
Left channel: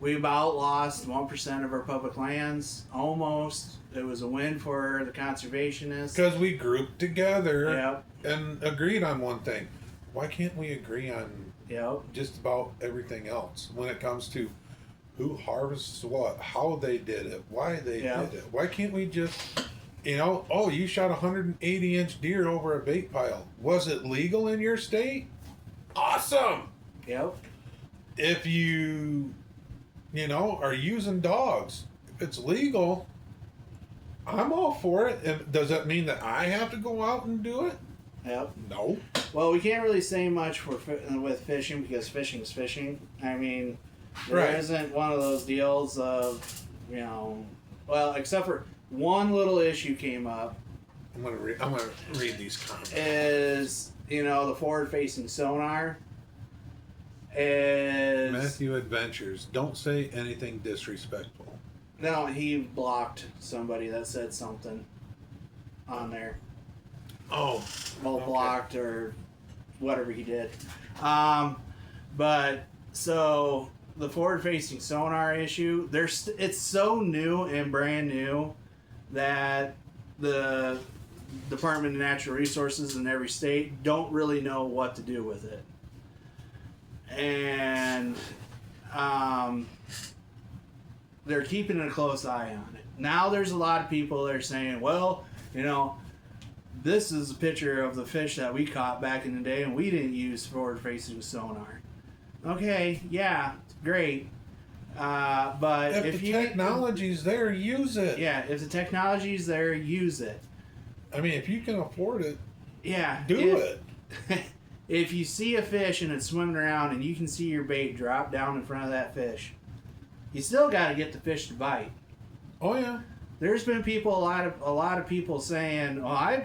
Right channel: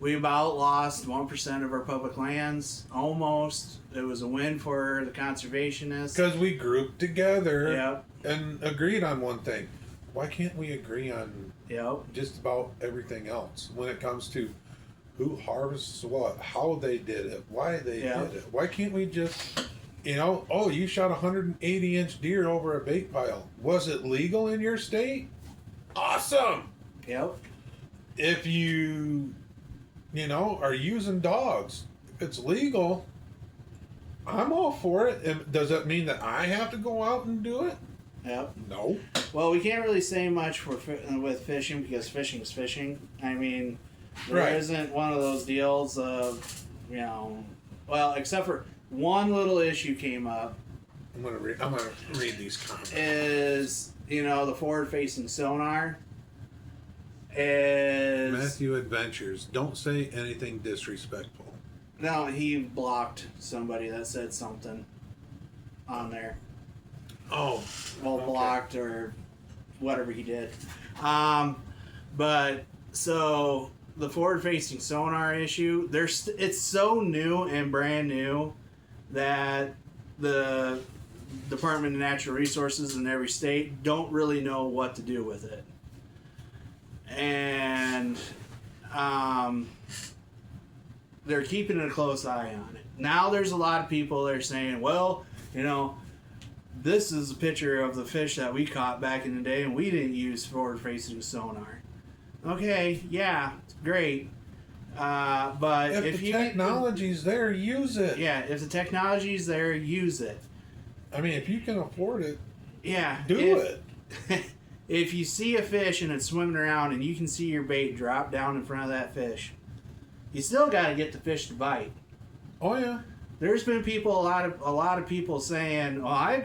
we about lost 1% of our public lands, almost. It was a win for the conservationists. Because we grouped together and agreed on one thing. Why can't we agree on just about everything else when it comes to who harvests what, how they did it, why they did it? Why can't we just, you know, oh, you shot a 180-inch deer over a bait pile. Was it legal in your state? Awesome! If you know, are using dogs, if it's legal, I'm all for it. And does that mean that I have to go out and do it? No. Well, we can't really say much with fishing because fishing is fishing. I mean, there isn't one of those deals of, you know, well, except for one little issue came up. I'm gonna read these comments. Is, you know, the forward-facing sonar is Matthew Adventures. Don't say anything disrespectful. No, he blocked somebody that said something on there. Oh, well, blocked or whatever he did. But so the forward-facing sonar issue, it's so new and brand new that the Department of Natural Resources in every state don't really know what to do with it. And they're keeping a close eye on it. Now there's a lot of people that are saying, well, you know, this is a picture of the fish that we caught back in the day and we didn't use forward-facing sonar. Okay, yeah, great. But if the technology's there, use it. Yeah, if the technology's there, use it. I mean, if you can afford it, do it. If you see a fish and it's swimming around and you can see your bait drop down in front of that fish, you still got to get the fish to bite. Oh yeah. There's been a lot of people saying, "Oh, I've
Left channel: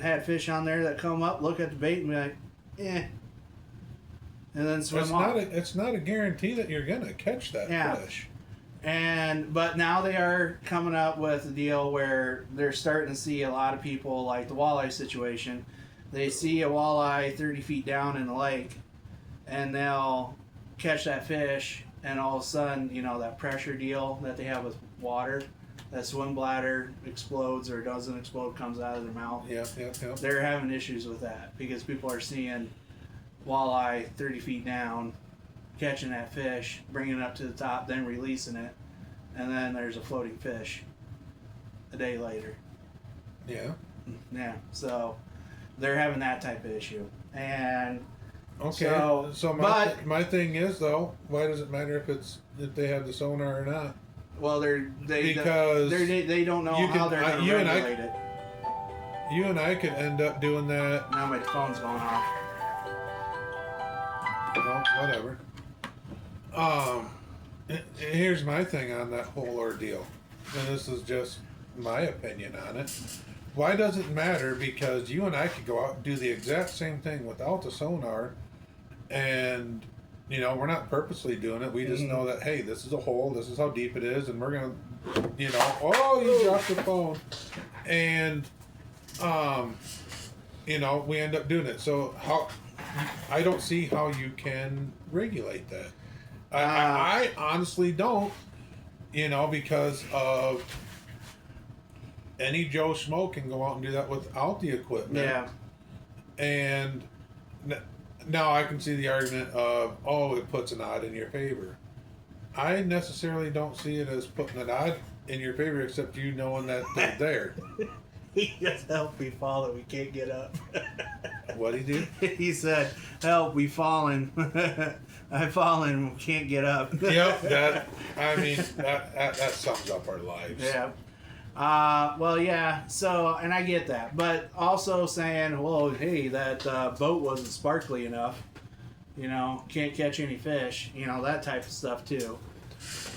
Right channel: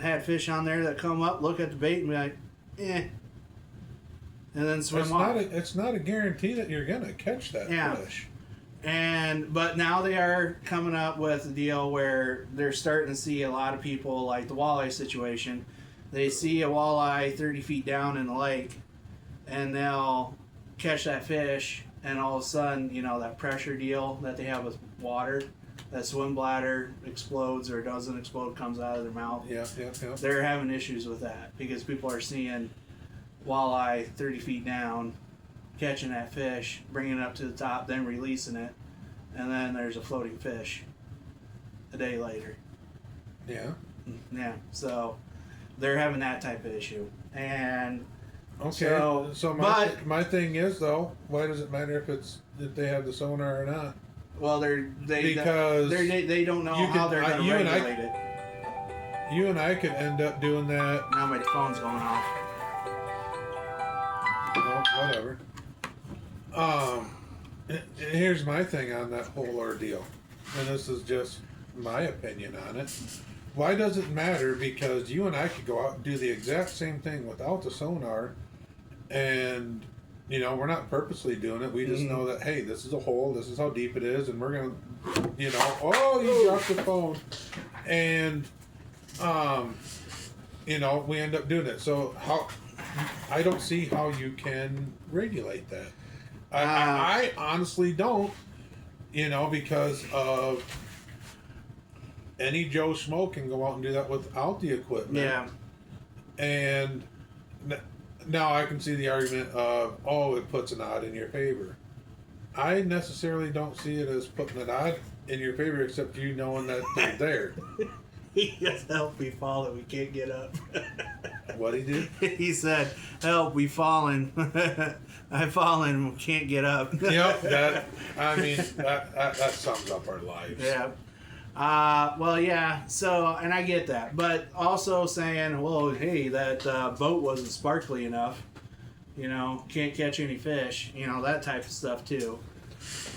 had fish on there that come up, look at the bait, and be like, and then swim off." It's not a guarantee that you're gonna catch that fish. But now they are coming up with a deal where they're starting to see a lot of people, like the walleye situation. They see a walleye 30 feet down in the lake, and they'll catch that fish, and all of a sudden, you know, that pressure deal that they have with water, that swim bladder explodes or doesn't explode, comes out of their mouth. Yeah. They're having issues with that because people are seeing walleye 30 feet down, catching that fish, bringing it up to the top, then releasing it, and then there's a floating fish a day later. Yeah. So they're having that type of issue. And okay, so my thing is though, why does it matter if they have the sonar or not? Well, they don't know how they're going to regulate it. You and I could end up doing that. Now my phone's going off. No, whatever. Here's my thing on that whole ordeal, and this is just my opinion on it. Why does it matter? Because you and I could go out and do the exact same thing without the sonar, and we're not purposely doing it. We just know that, hey, this is a hole. This is how deep it is, and we're gonna, oh, you dropped the phone, and we end up doing it. So I don't see how you can regulate that. I honestly don't, because of any Joe Schmo can go out and do that without the equipment. Yeah. And now I can see the argument of, oh, it puts an odd in your favor. I necessarily don't see it as putting an odd in your favor, except you knowing that they're there. He said, help, we fallen, we can't get up. What he did? He said, help, we fallen. I've fallen, we can't get up. Yep, that sums up our lives. Yeah. Well, yeah, so, and I get that. But also saying, well, hey, that boat wasn't sparkly enough. Can't catch any fish. That type of stuff, too.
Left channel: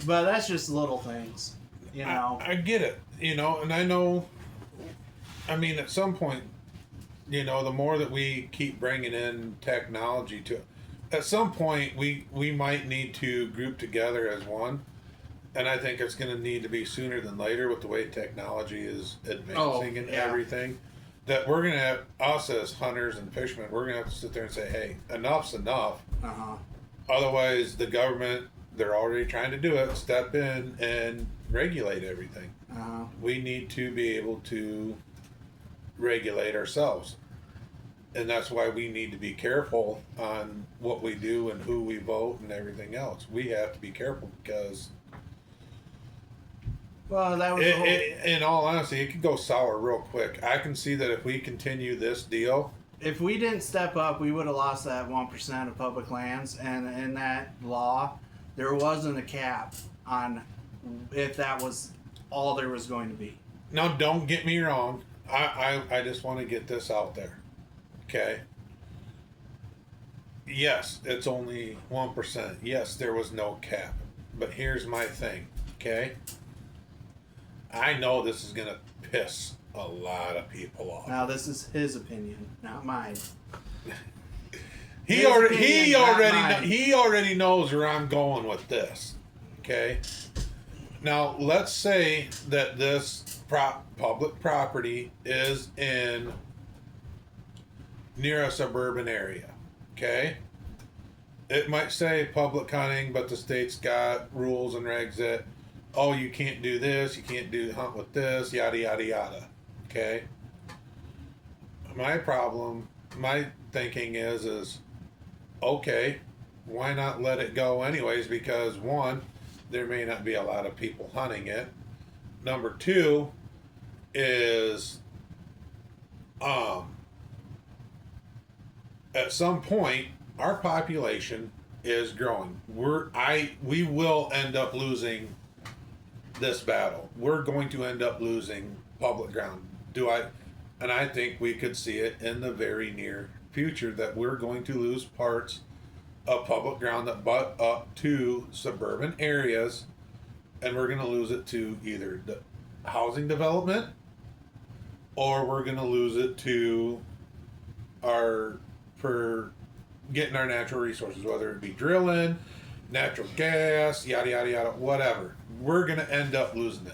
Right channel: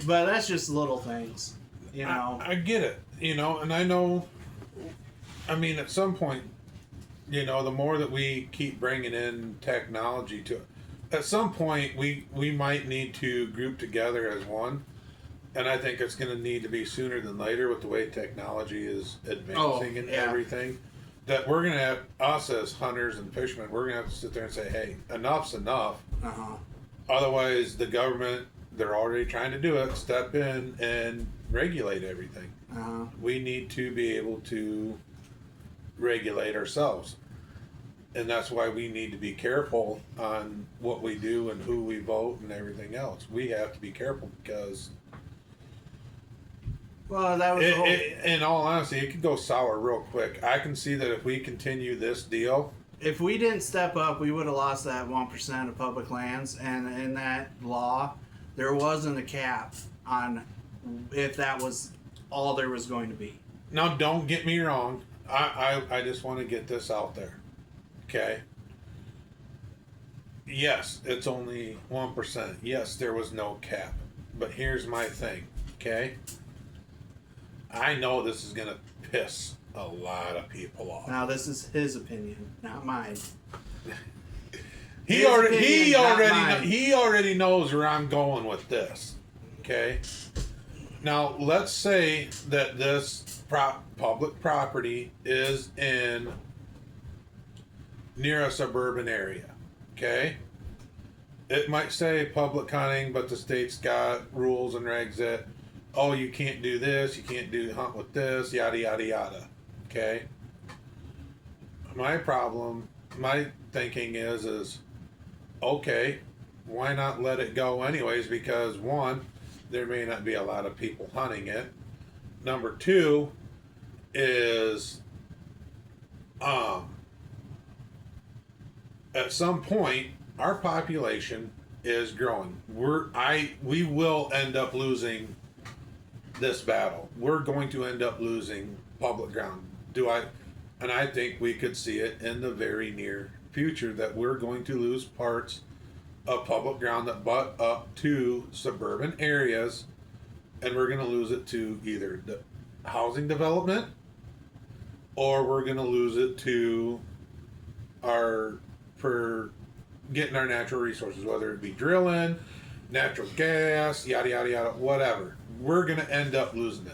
But that's just little things, I get it, and I know, at some point, the more that we keep bringing in technology to, at some point, we might need to group together as one. And I think it's going to need to be sooner than later with the way technology is advancing and everything. That we're going to have, us as hunters and fishermen, we're going to have to sit there and say, hey, enough's enough. Uh-huh. Otherwise, the government, they're already trying to do it, step in and regulate everything. Uh-huh. We need to be able to regulate ourselves. And that's why we need to be careful on what we do and who we vote and everything else. We have to be careful because... Well, that was in all honesty, it could go sour real quick. I can see that if we continue this deal... If we didn't step up, we would have lost that 1% of public lands. And in that law, there wasn't a cap on if that was all there was going to be. Now, don't get me wrong. I just want to get this out there. Okay? Yes, it's only 1%. Yes, there was no cap. But here's my thing. Okay? I know this is going to piss a lot of people off. Now, this is his opinion, not mine. He already knows where I'm going with this. Okay? Now, let's say that this public property is near a suburban area. Okay? It might say public hunting, but the state's got rules and regs that, oh, you can't do this, you can't hunt with this, yada, yada, yada. Okay? My thinking is, okay, why not let it go anyways? Because one, there may not be a lot of people hunting it. Number two is, at some point, our population is growing. We will end up losing this battle. We're going to end up losing public ground. And I think we could see it in the very near future that we're going to lose parts of public ground that butt up to suburban areas, and we're going to lose it to either the housing development, or we're going to lose it to for getting our natural resources, whether it be drilling, natural gas, yada, yada, yada, whatever. We're going to end up losing it.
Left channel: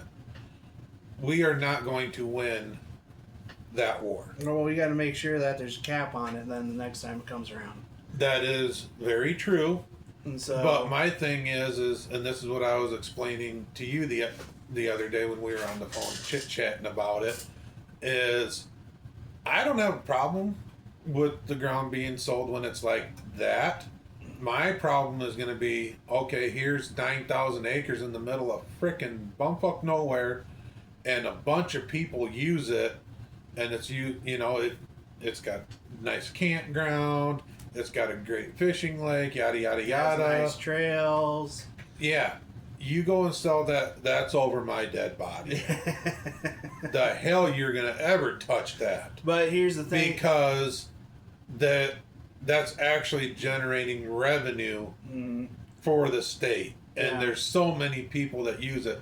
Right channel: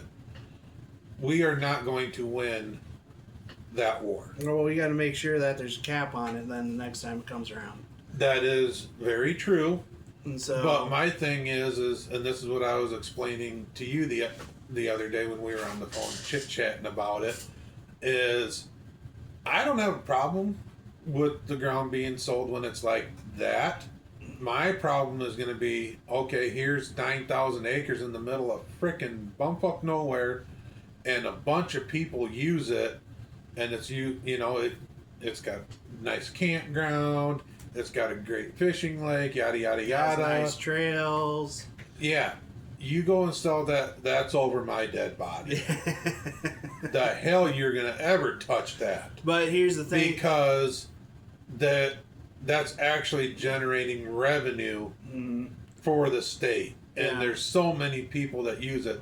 We are not going to win that war. Well, we got to make sure that there's a cap on it then the next time it comes around. That is very true. And so, but my thing is, and this is what I was explaining to you the other day when we were on the phone chit-chatting about it, is I don't have a problem with the ground being sold when it's like that. My problem is going to be, okay, here's 9,000 acres in the middle of frickin' bumfuck nowhere, and a bunch of people use it, and it's got nice campground, it's got a great fishing lake, yada yada yada, nice trails. Yeah, you go and sell that's over my dead body. The hell you're gonna ever touch that? But here's the thing, because that's actually generating revenue for the state, and Yeah. there's so many people that use it.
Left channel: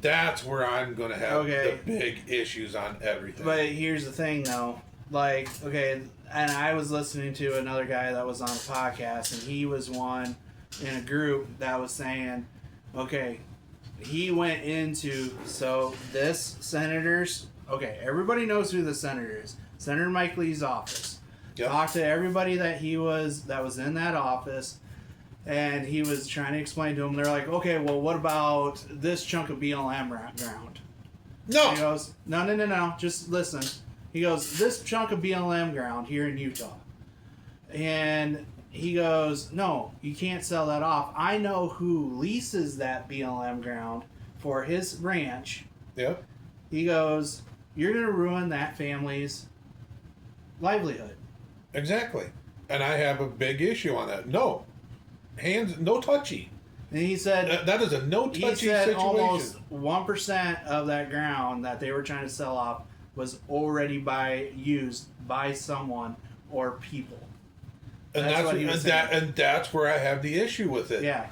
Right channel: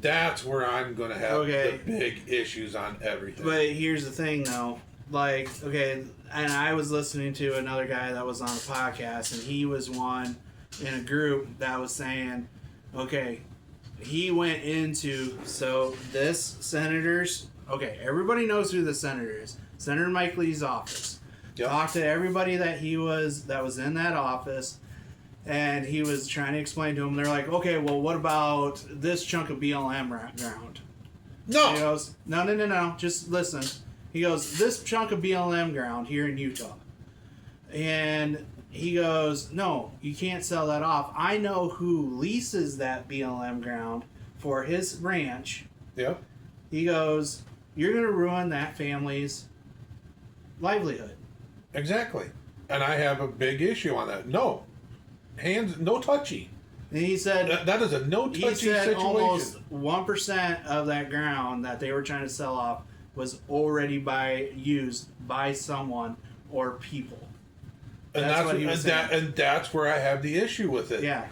That's where I'm going to have the big issues on everything. But here's the thing, though. Like, okay, and I was listening to another guy that was on a podcast, and he was one in a group that was saying, okay, he went into, so this senator's, okay, everybody knows who the senator is. Senator Mike Lee's office. Yep. Talked to everybody that was in that office, and he was trying to explain to them. They're like, okay, well, what about this chunk of BLM ground? No. He goes, no, just listen. He goes, this chunk of BLM ground here in Utah. And he goes, no, you can't sell that off. I know who leases that BLM ground for his ranch. Yep. He goes, you're going to ruin that family's livelihood. Exactly. And I have a big issue on that. No. No touchy. And he said that is a no touchy situation. Almost 1% of that ground that they were trying to sell off was already used by someone or people. That's what he was saying. And that's where I have the issue with it. Yeah.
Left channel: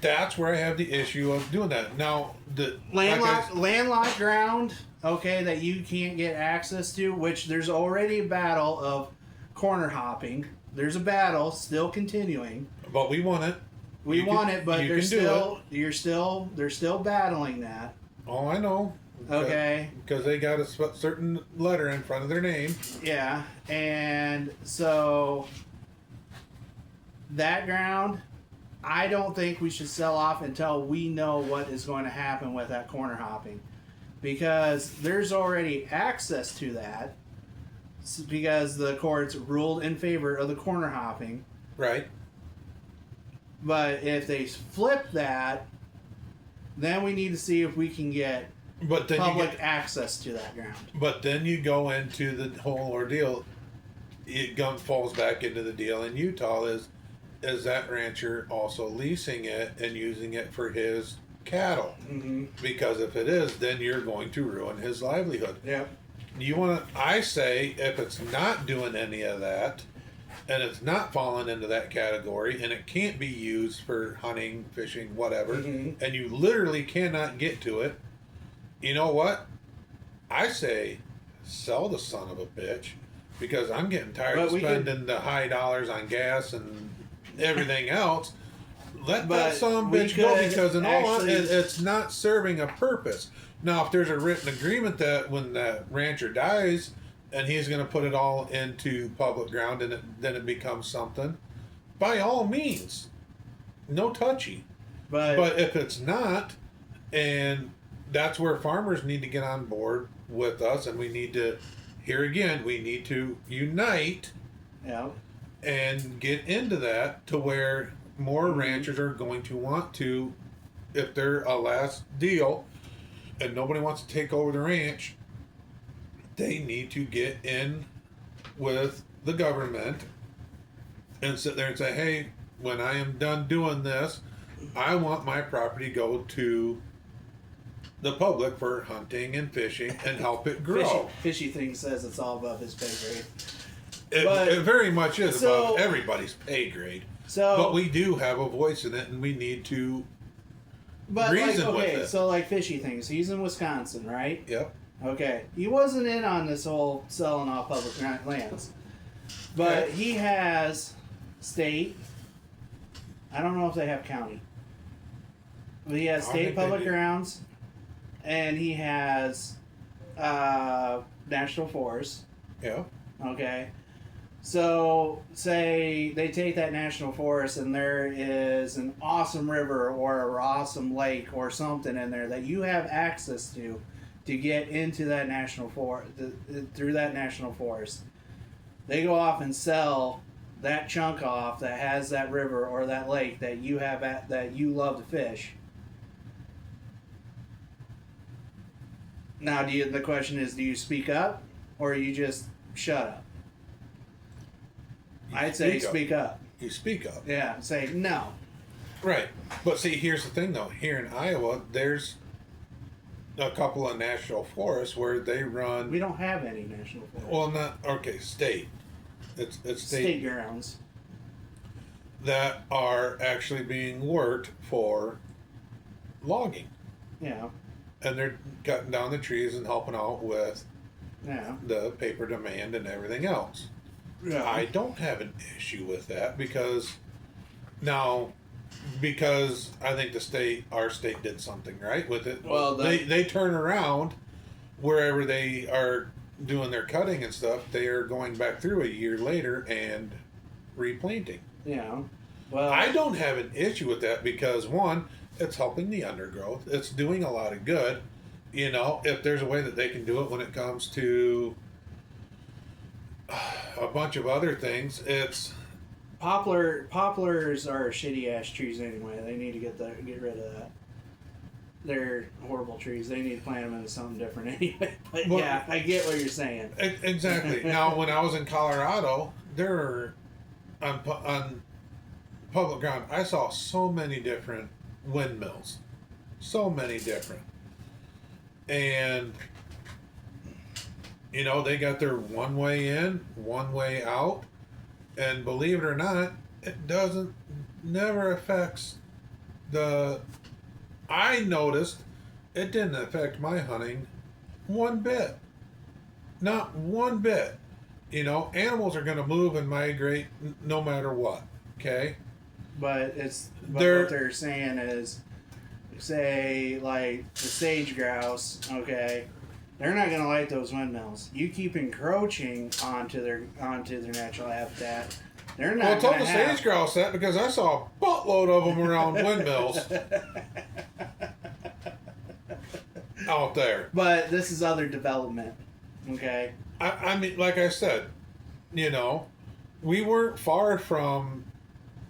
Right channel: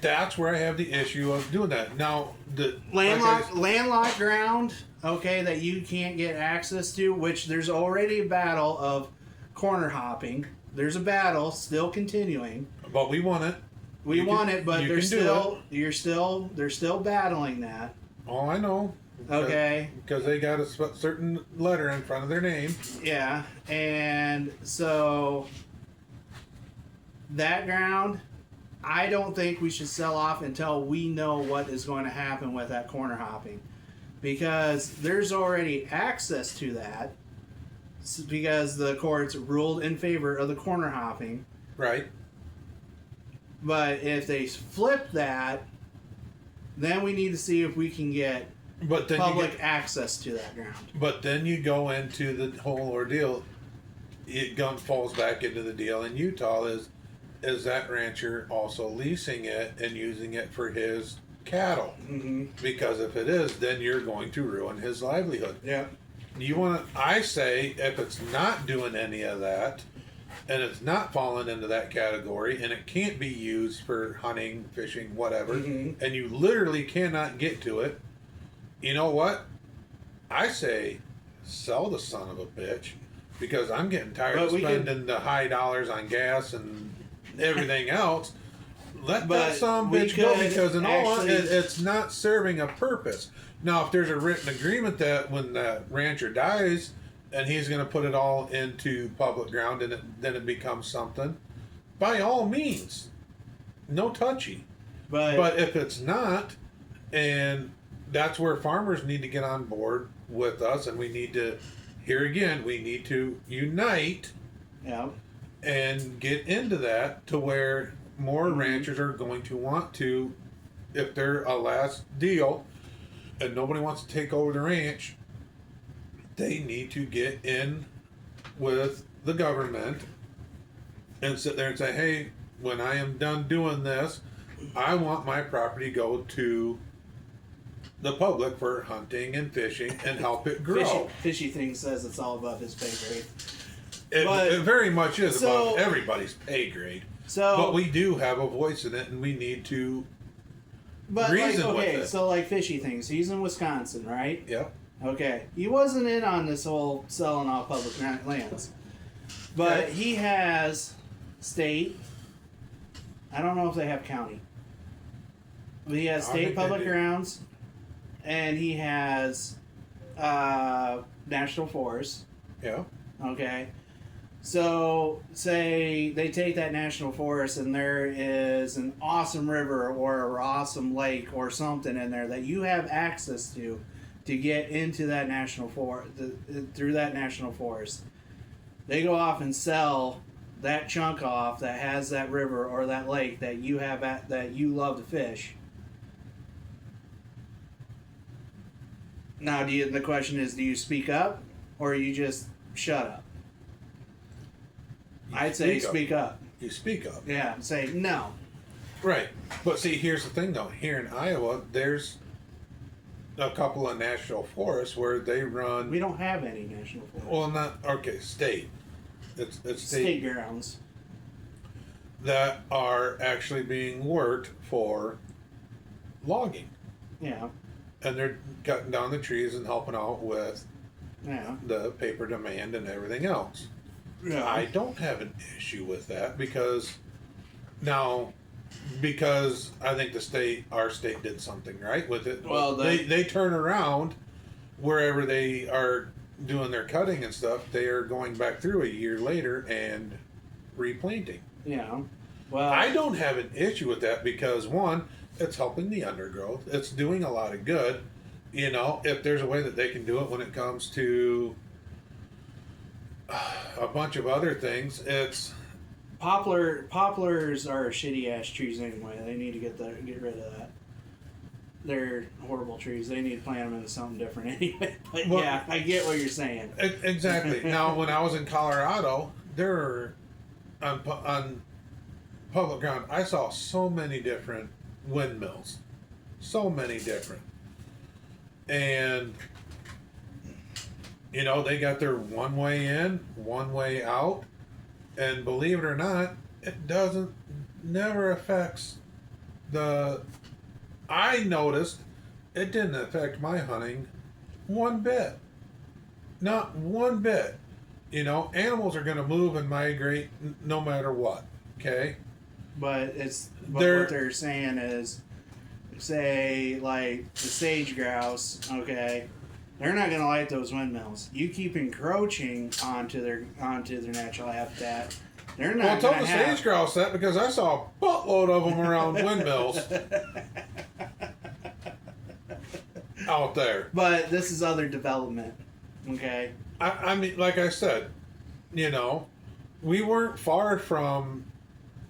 That's where I have the issue of doing that. Now, the landlocked ground, okay, that you can't get access to, which there's already a battle of corner hopping. There's a battle still continuing. But we want it. We want it, but they're still battling that. Oh, I know. Okay. Because they got a certain letter in front of their name. Yeah, and so that ground, I don't think we should sell off until we know what is going to happen with that corner hopping, because there's already access to that because the courts ruled in favor of the corner hopping. Right. But if they flip that, then we need to see if we can get public access to that ground. But then you go into the whole ordeal. It falls back into the deal in Utah is that rancher also leasing it and using it for his cattle? Mm-hmm. Because if it is, then you're going to ruin his livelihood. Yeah. I say if it's not doing any of that, and it's not falling into that category, and it can't be used for hunting, fishing, whatever, mm-hmm. and you literally cannot get to it, you know what? I say sell the son of a bitch, because I'm getting tired of spending the high dollars on gas and everything else. Let that son of a bitch go, because in all it's not serving a purpose. Now, if there's a written agreement that when that rancher dies and he's going to put it all into public ground and then it becomes something, by all means, no touchy. But if it's not, and that's where farmers need to get on board with us, and we need to, here again, we need to unite and get into that to where more mm-hmm. ranchers are going to want to, if they're a last deal and nobody wants to take over the ranch, they need to get in with the government and sit there and say, hey, when I am done doing this, I want my property to go to the public for hunting and fishing and help it grow. Fishy thing says it's all above his pay grade. It very much is above everybody's pay grade. But we do have a voice in it, and we need to reason with it. So like Fishy things, he's in Wisconsin, right? Yep. Okay. He wasn't in on this whole selling off public lands. But he has state. I don't know if they have county. But he has state public grounds, and he has national forest. Yeah. Okay. So, say they take that national forest and there is an awesome river or an awesome lake or something in there that you have access to get into that national forest, through that national forest. They go off and sell that chunk off that has that river or that lake that you have that you love to fish. Now, the question is, do you speak up or you just shut up? I'd say speak up. You speak up. Yeah, say no. Right. But see, here's the thing, though. Here in Iowa, there's a couple of national forests where they run... We don't have any national forests. Well, not... Okay, state. It's state grounds. That are actually being worked for logging, Yeah. and they're cutting down the trees and helping out with Yeah. the paper demand and everything else. Yeah. I don't have an issue with that because I think our state did something right with it. Well, they turn around wherever they are doing their cutting and stuff. They are going back through a year later and replanting. Yeah. Well, I don't have an issue with that because one, it's helping the undergrowth. It's doing a lot of good. You know, if there's a way that they can do it when it comes to a bunch of other things, it's poplars are shitty ass trees anyway. They need to get rid of that. They're horrible trees. They need to plant them into something different anyway. But well, yeah, I get what you're saying. Exactly. Now, when I was in Colorado, there were on public ground, I saw so many different windmills, so many different, and you know they got their one way in, one way out, and believe it or not, it never affects the. I noticed it didn't affect my hunting one bit, not one bit. You know, animals are going to move and migrate no matter what. Okay. But what they're saying is, say like the sage grouse, okay, they're not going to like those windmills. You keep encroaching onto their natural habitat. They're not. Well, tell the sage grouse that because I saw a buttload of them around windmills out there. But this is other development, okay. I mean, like I said, you know, we weren't far from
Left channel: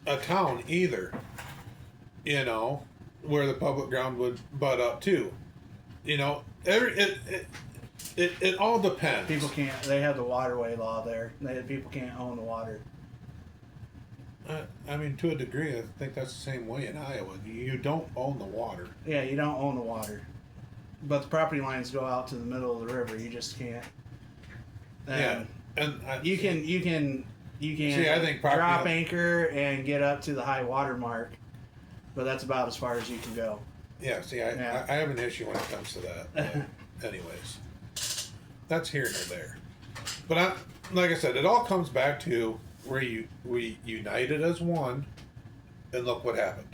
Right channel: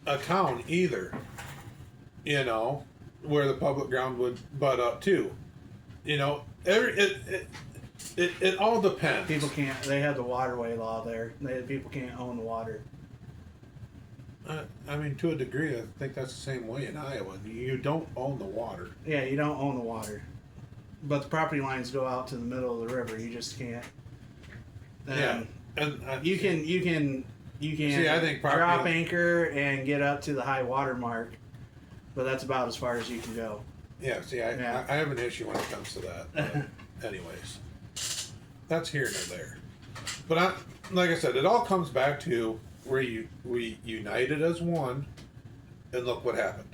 a town either, you know, where the public ground would butt up to. You know, it all depends. People can't. They have the waterway law there. People can't own the water. I mean, to a degree, I think that's the same way in Iowa. You don't own the water. Yeah, you don't own the water, but the property lines go out to the middle of the river. You just can't. Yeah, and you can see, I think drop anchor and get up to the high water mark, but that's about as far as you can go. Yeah, see, I have an issue when it comes to that. But anyways, that's here and there. But like I said, it all comes back to where we united as one, and look what happened.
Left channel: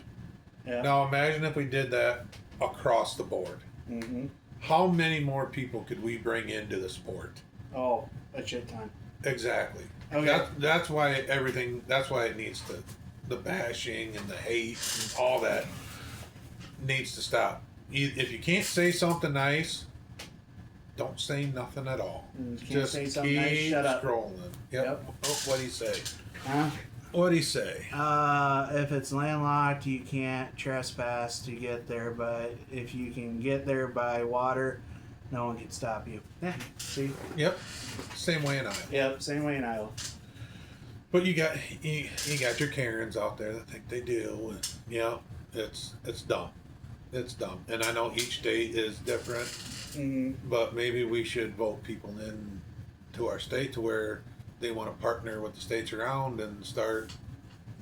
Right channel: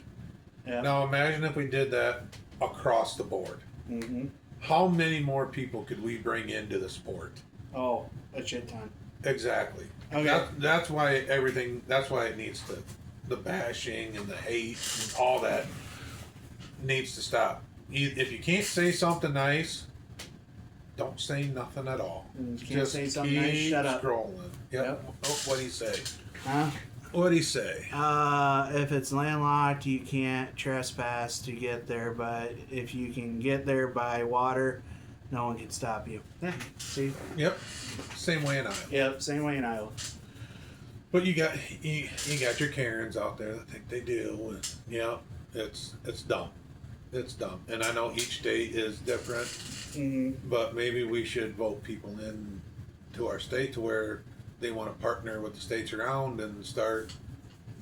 Yeah. Now imagine if we did that across the board. Mm-hmm. How many more people could we bring into the sport? Oh, a shit ton. Exactly. Okay. That's why everything. That's why it needs to, the bashing and the hate and all that needs to stop. If you can't say something nice, don't say nothing at all. You can't say something nice, shut up. Scrolling. Yep. Oh, what'd he say? Huh? What'd he say? If it's landlocked, you can't trespass to get there, but if you can get there by water, no one can stop you. See? Yep. Same way in Iowa. Yep, same way in Iowa. But you got your Karens out there that think they do. And, yeah, it's dumb. It's dumb. And I know each state is different, but maybe we should vote people in to our state to where they want to partner with the states around and start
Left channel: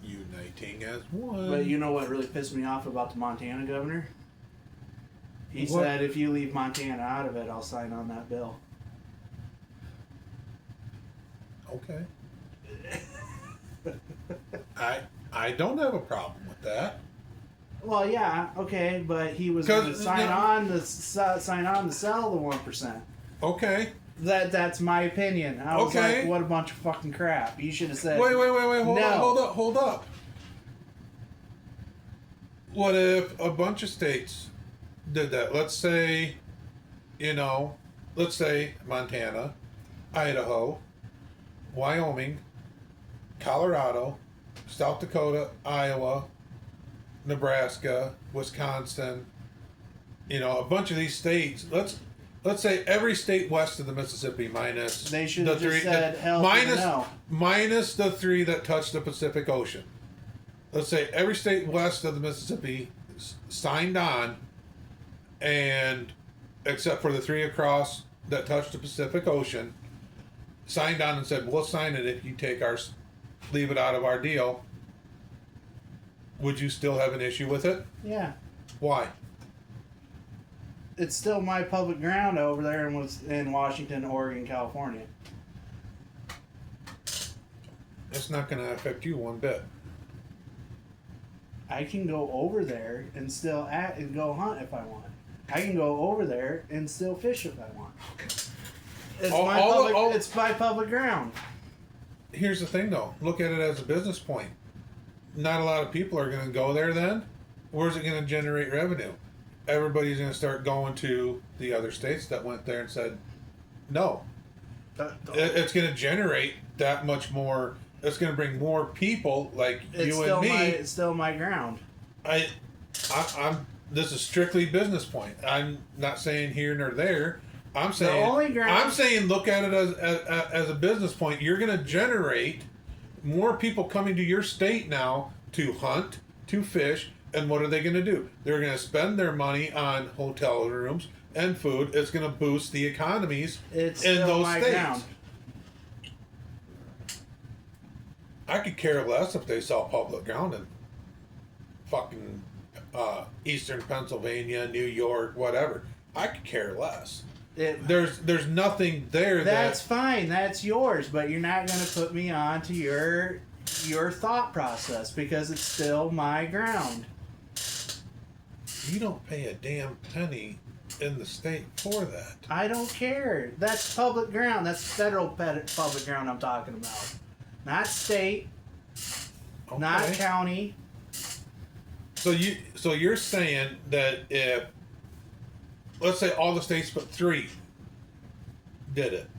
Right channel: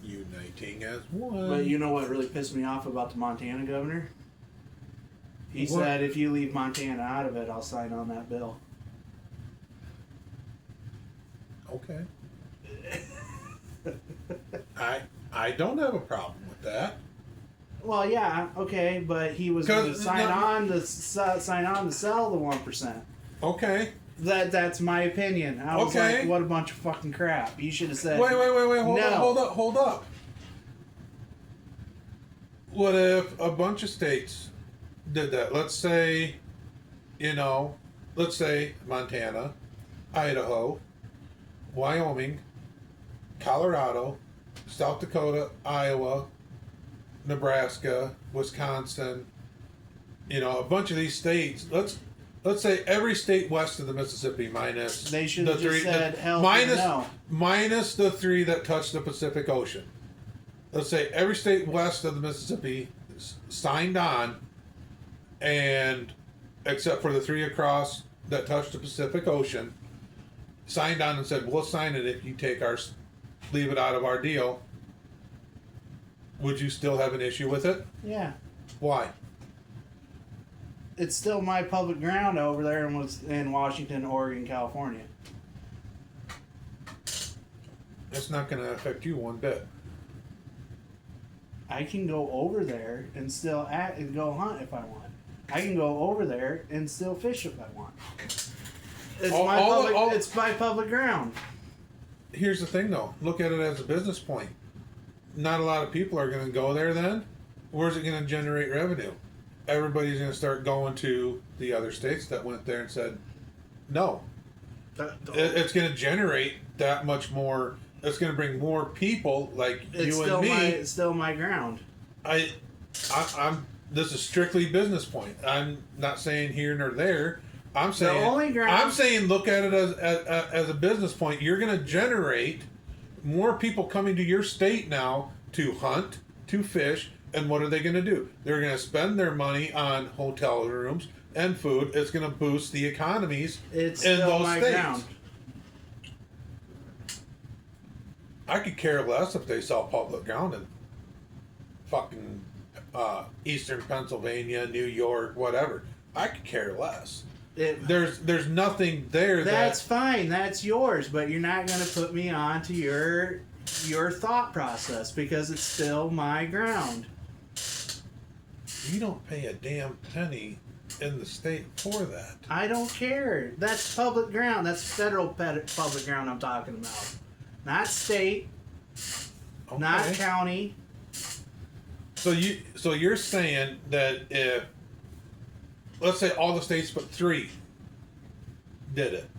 uniting as one. But you know what really pissed me off about the Montana governor? He What? said if you leave Montana out of it, I'll sign on that bill. Okay. I don't have a problem with that. Well, yeah, okay, but he was going to sign on to sell the 1%. Okay. That's my opinion. I was like, what a bunch of fucking crap. You should have said. Wait. Hold up. What if a bunch of states did that? Let's say Montana, Idaho, Wyoming, Colorado, South Dakota, Iowa, Nebraska, Wisconsin, a bunch of these states. Let's say every state west of the Mississippi minus They should the have just three said hell no. minus the three that touch the Pacific Ocean. Let's say every state west of the Mississippi signed on, and except for the three across that touch the Pacific Ocean, signed on and said, we'll sign it if you leave it out of our deal. Would you still have an issue with it? Yeah. Why? it's still my public ground over there in Washington, Oregon, California. That's not going to affect you one bit. I can go over there and still go hunt if I want. I can go over there and still fish if I want. It's my public ground. Here's the thing, though. Look at it as a business point. Not a lot of people are going to go there then. Where's it going to generate revenue? Everybody's going to start going to the other states that went there and said, no. It's going to generate that much more. It's going to bring more people like you and me. It's still my ground. I'm. This is strictly business point. I'm not saying here nor there. I'm saying look at it as a business point. You're going to generate more people coming to your state now to hunt, to fish, and what are they going to do? They're going to spend their money on hotel rooms and food. It's going to boost the economies in those states. Ground. I could care less if they sell public ground in fucking eastern Pennsylvania, New York, whatever. I could care less. There's nothing there. That's fine. That's yours, but you're not going to put me on to your thought process because it's still my ground. You don't pay a damn penny in the state for that. I don't care. That's public ground. That's federal public ground I'm talking about. Not state. Okay. Not county. So you're saying that if, let's say all the states but 3 did it,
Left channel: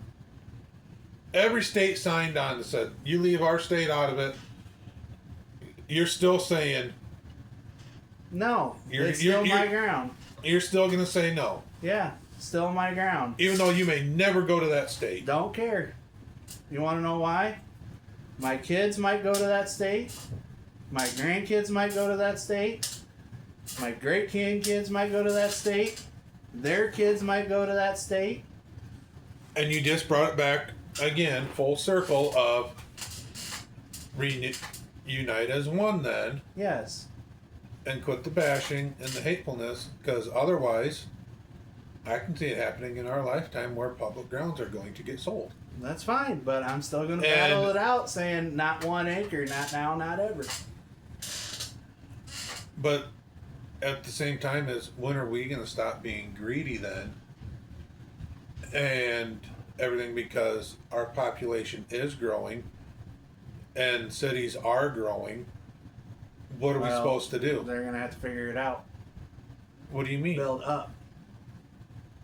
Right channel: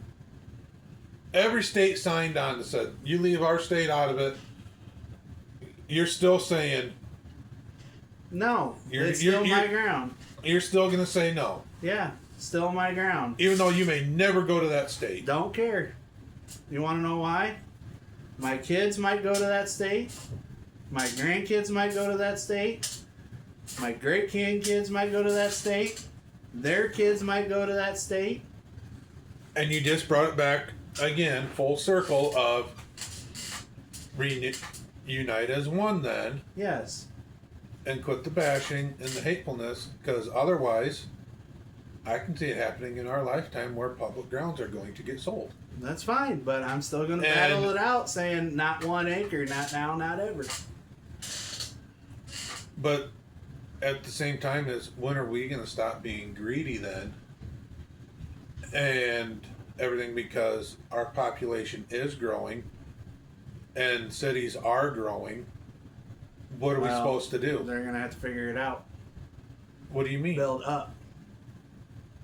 every state signed on and said, you leave our state out of it, you're still saying no, it's still my ground. You're still going to say no. Yeah, still my ground. Even though you may never go to that state. Don't care. You want to know why? My kids might go to that state. My grandkids might go to that state. My great-grandkids might go to that state. Their kids might go to that state. And you just brought it back again, full circle of unite as one then. Yes. And quit the bashing and the hatefulness, because otherwise I can see it happening in our lifetime where public grounds are going to get sold. That's fine, but I'm still going to battle it out saying not 1 acre, not now, not ever. But at the same time, when are we going to stop being greedy then? And everything, because our population is growing and cities are growing. What are we supposed to do? They're going to have to figure it out. What do you mean? Build up.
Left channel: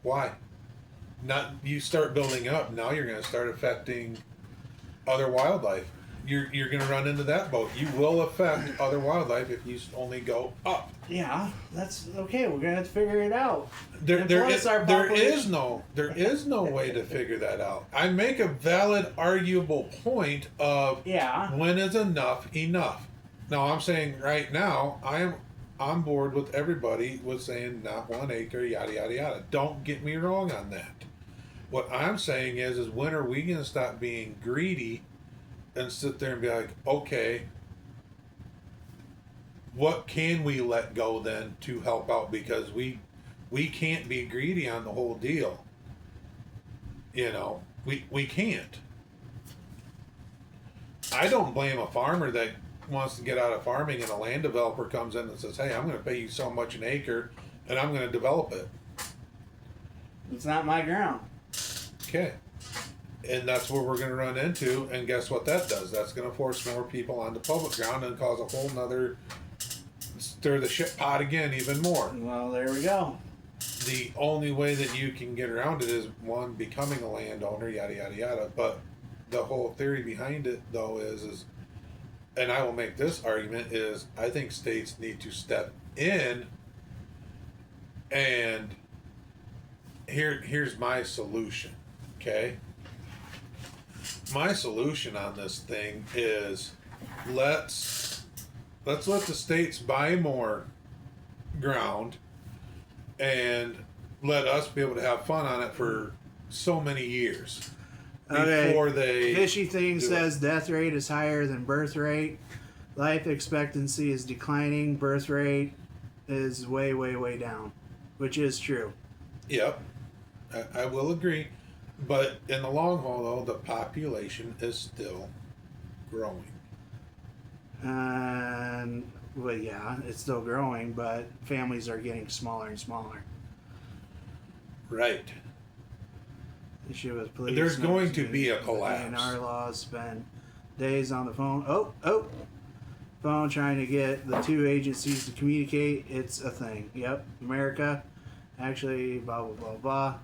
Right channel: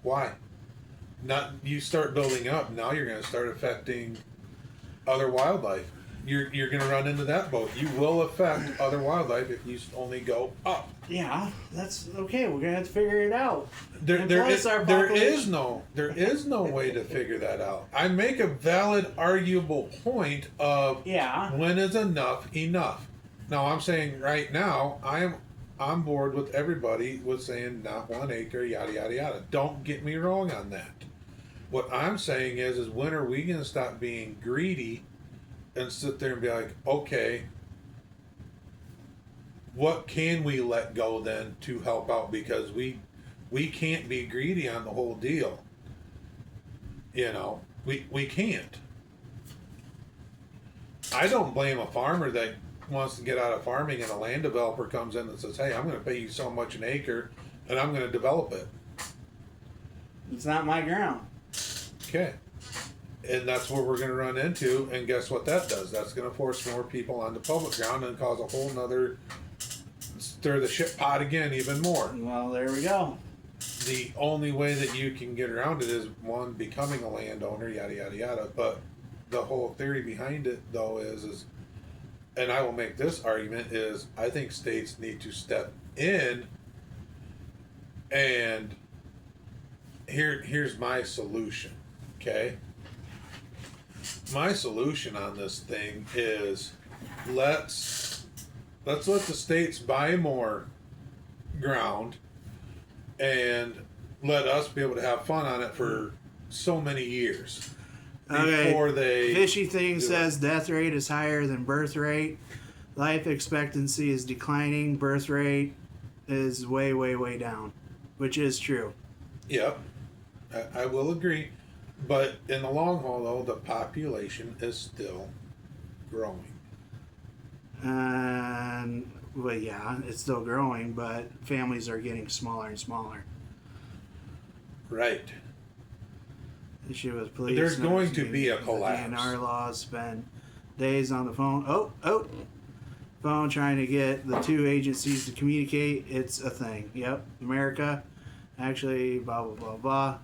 Why? Not you start building up. Now you're going to start affecting other wildlife. You're going to run into that boat. You will affect other wildlife if you only go up. Yeah, that's okay. We're going to have to figure it out. There is no way to figure that out. I make a valid, arguable point of when is enough. Now I'm saying right now I am on board with everybody with saying not 1 acre, yada yada yada. Don't get me wrong on that. What I'm saying is when are we going to stop being greedy and sit there and be like, okay, what can we let go then to help out? Because we can't be greedy on the whole deal. You know, we can't. I don't blame a farmer that wants to get out of farming and a land developer comes in and says, hey, I'm going to pay you so much an acre and I'm going to develop it. It's not my ground. Okay. And that's what we're going to run into. And guess what that does? That's going to force more people onto public ground and cause a whole nother stir the shit pot again even more. Well, there we go. The only way that you can get around it is one, becoming a landowner, yada yada yada. But the whole theory behind it though is and I will make this argument, is I think states need to step in and here's my solution, okay? My solution on this thing is let's let the states buy more ground and let us be able to have fun on it for so many years. Before they Fishy Thing says death rate is higher than birth rate. Life expectancy is declining. Birth rate is way, way, way down, which is true. Yep, I will agree. But in the long haul, though, the population is still growing. And well, yeah, it's still growing, but families are getting smaller and smaller. Right. Issue with police. There's going to be a collapse. DNR laws spend days on the phone. Phone trying to get the two agencies to communicate. It's a thing. Yep, America. Actually, blah blah blah blah.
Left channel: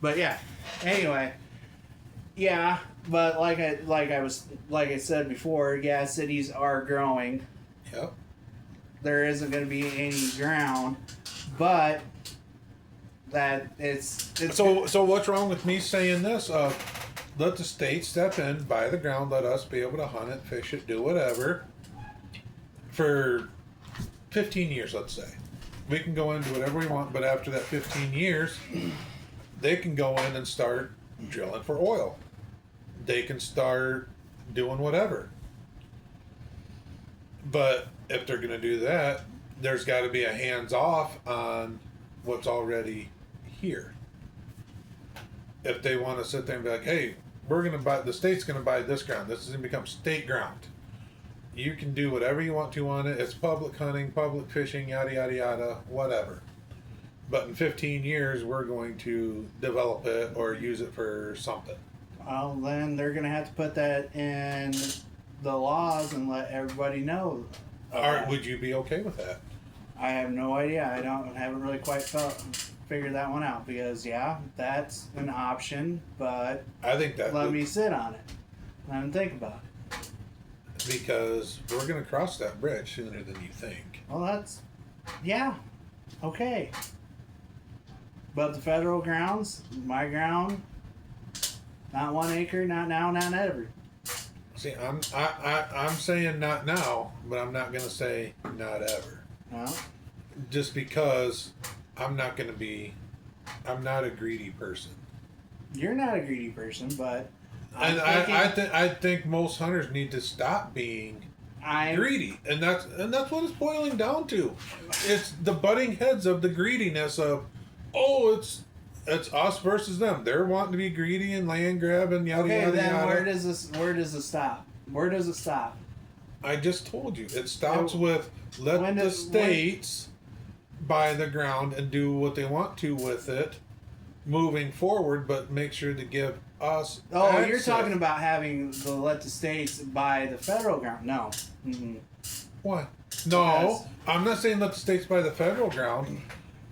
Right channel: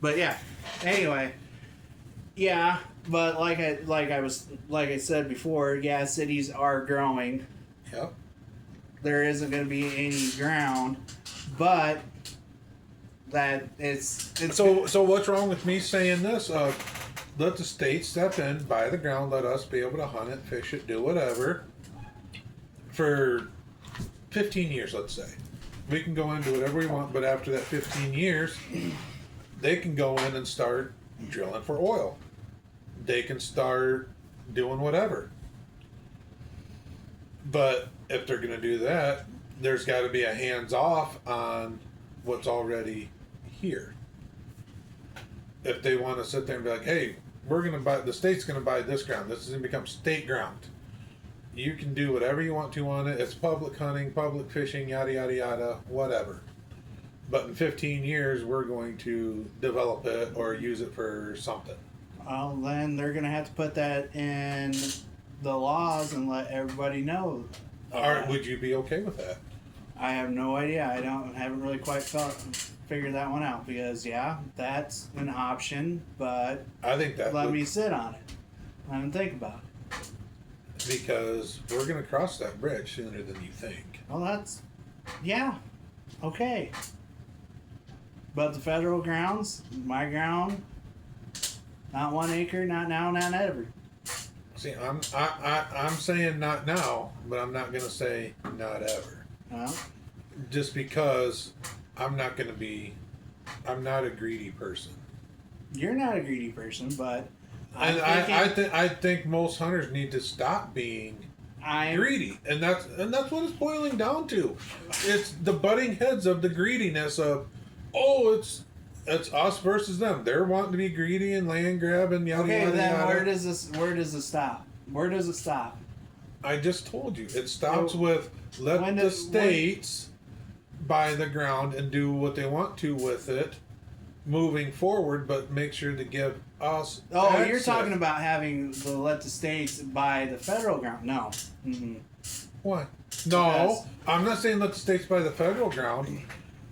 But yeah. Anyway. Yeah, but like I said before, yeah, cities are growing. Yep. There isn't going to be any ground, but that it's so what's wrong with me saying this? Let the state step in, buy the ground, let us be able to hunt it, fish it, do whatever for 15 years, let's say. We can go in and do whatever we want, but after that 15 years, they can go in and start drilling for oil. They can start doing whatever. But if they're going to do that, there's got to be a hands off on what's already here. If they want to sit there and be like, hey, we're going to buy, the state's going to buy this ground. This is going to become state ground. You can do whatever you want to on it. It's public hunting, public fishing, yada, yada, yada, whatever. But in 15 years, we're going to develop it or use it for something. Well, then they're going to have to put that in the laws and let everybody know. Would you be okay with that? I have no idea. Haven't really quite figured that one out because yeah, that's an option. But I think that let me sit on it. Let me think about it. Because we're going to cross that bridge sooner than you think. Well, yeah, okay. But the federal grounds, my ground. Not 1 acre, not now, not ever. See, I'm saying not now, but I'm not going to say not ever. Well, just because I'm not a greedy person. You're not a greedy person, but I think most hunters need to stop being greedy, and that's what it's boiling down to. It's the butting heads of the greediness of, it's us versus them. They're wanting to be greedy and land grab and yada yada then yada. Where does it stop? Where does it stop? I just told you. It stops with let the states buy the ground and do what they want to with it moving forward, but make sure to give us access. You're talking about let the states buy the federal ground. No. Mm-hmm. Why? No, I'm not saying let the states buy the federal ground.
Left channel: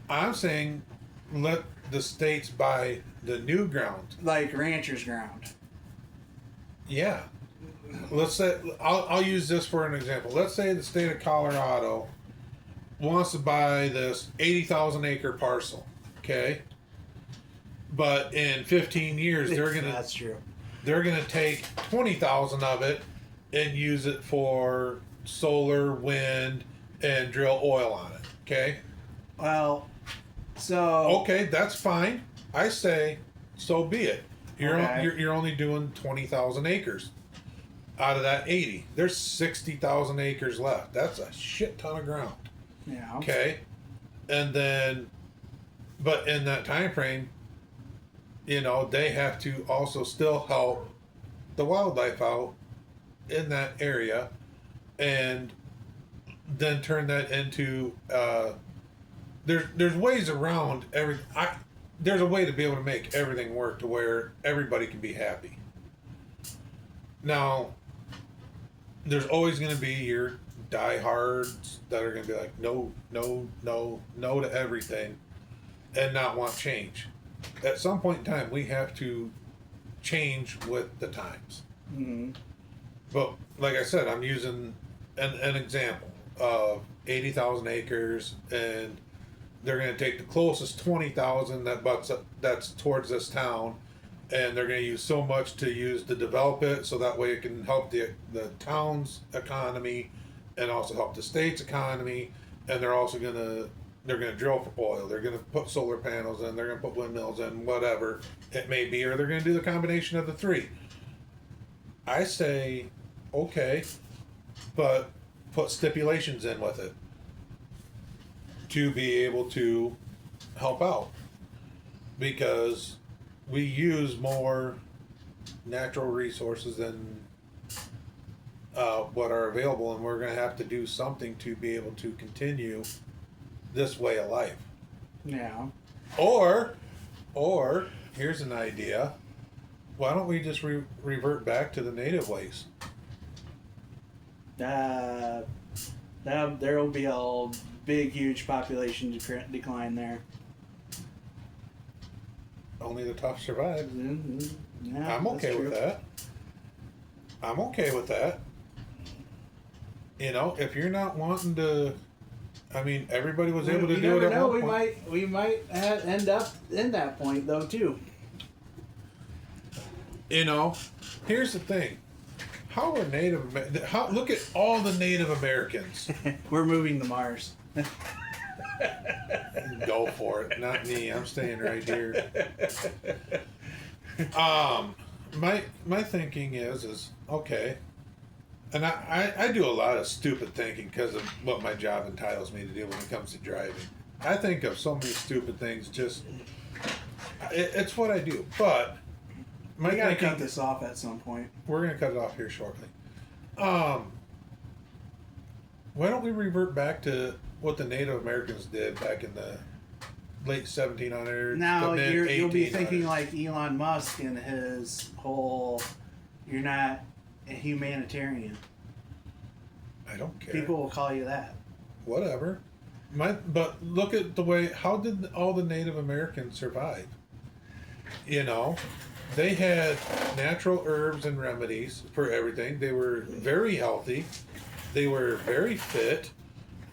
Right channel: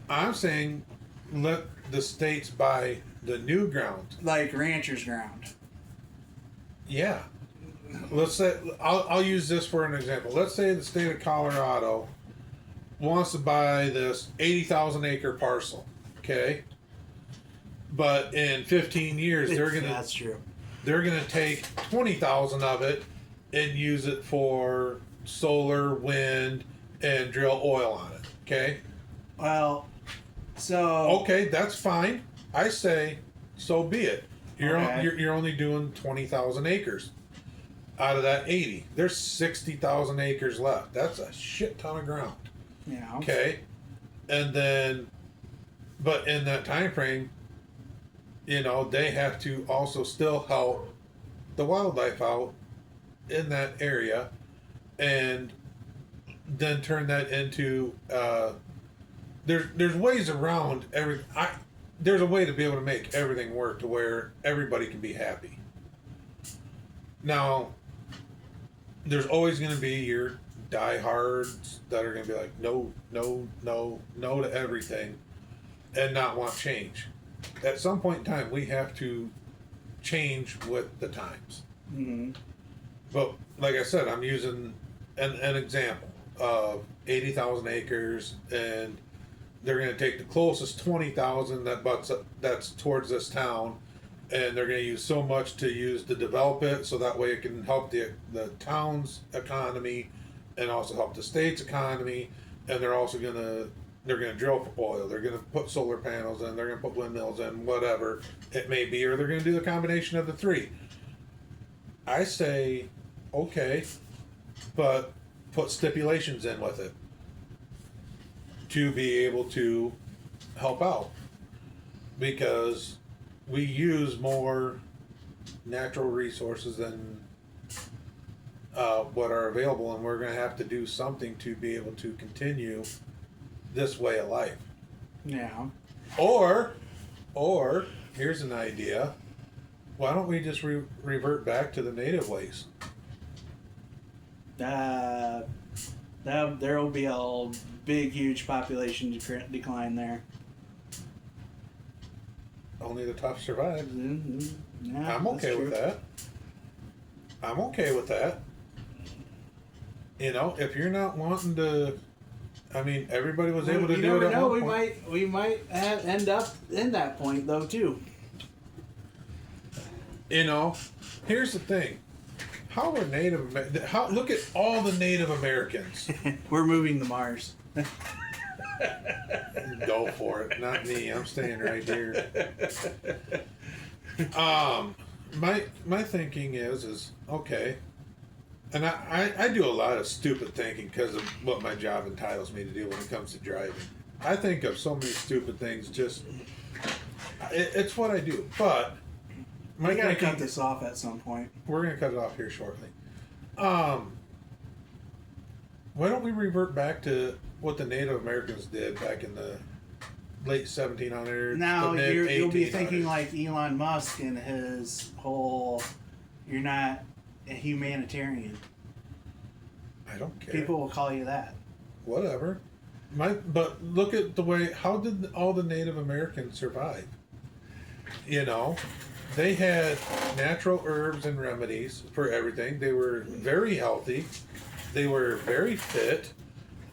I'm saying let the states buy the new ground. Like ranchers' ground. Yeah. Let's say, I'll use this for an example. Let's say the state of Colorado wants to buy this 80,000 acre parcel. Okay? But in 15 years, That's true. They're going to take 20,000 of it and use it for solar, wind, and drill oil on it. Okay? Well, okay, that's fine. I say, so be it. You're only doing 20,000 acres out of that 80. There's 60,000 acres left. That's a shit ton of ground. Yeah. Okay, and then, but in that time frame, they have to also still help the wildlife out in that area, and then turn that into. There's ways around there's a way to be able to make everything work to where everybody can be happy. Now, there's always going to be your diehards that are going to be like, no to everything and not want change. At some point in time, we have to change with the times. Mm-hmm. But like I said, I'm using an example of 80,000 acres, and they're going to take the closest 20,000 that's towards this town, and they're going to use so much to develop it, so that way it can help the town's economy and also help the state's economy. And they're also going to drill for oil. They're going to put solar panels in. They're going to put windmills in, whatever it may be, or they're going to do the combination of the three. I say, okay, but put stipulations in with it to be able to help out. because we use more natural resources than what are available, and we're going to have to do something to be able to continue this way of life. Yeah. Or here's an idea: why don't we just revert back to the native ways? There will be a big, huge population decline there. Only the tough survive. Yeah, I'm okay with that. I'm okay with that. You know, if you're not wanting to, I mean, everybody was able to do it at one point. We might end up in that point though too. You know, here's the thing: how are look at all the Native Americans. We're moving to Mars. Go for it, not me. I'm staying right here. My thinking is okay. And I do a lot of stupid thinking because of what my job entitles me to do when it comes to driving. I think of so many stupid things. It's what I do. But We gotta cut this off at some point. We're gonna cut it off here shortly. Why don't we revert back to what the Native Americans did back in the late 1700s? Now you'll be thinking like Elon Musk and his whole. You're not a humanitarian. I don't care. People will call you that. Whatever. But look at the way. How did all the Native Americans survive? You know, they had natural herbs and remedies for everything. They were very healthy. They were very fit.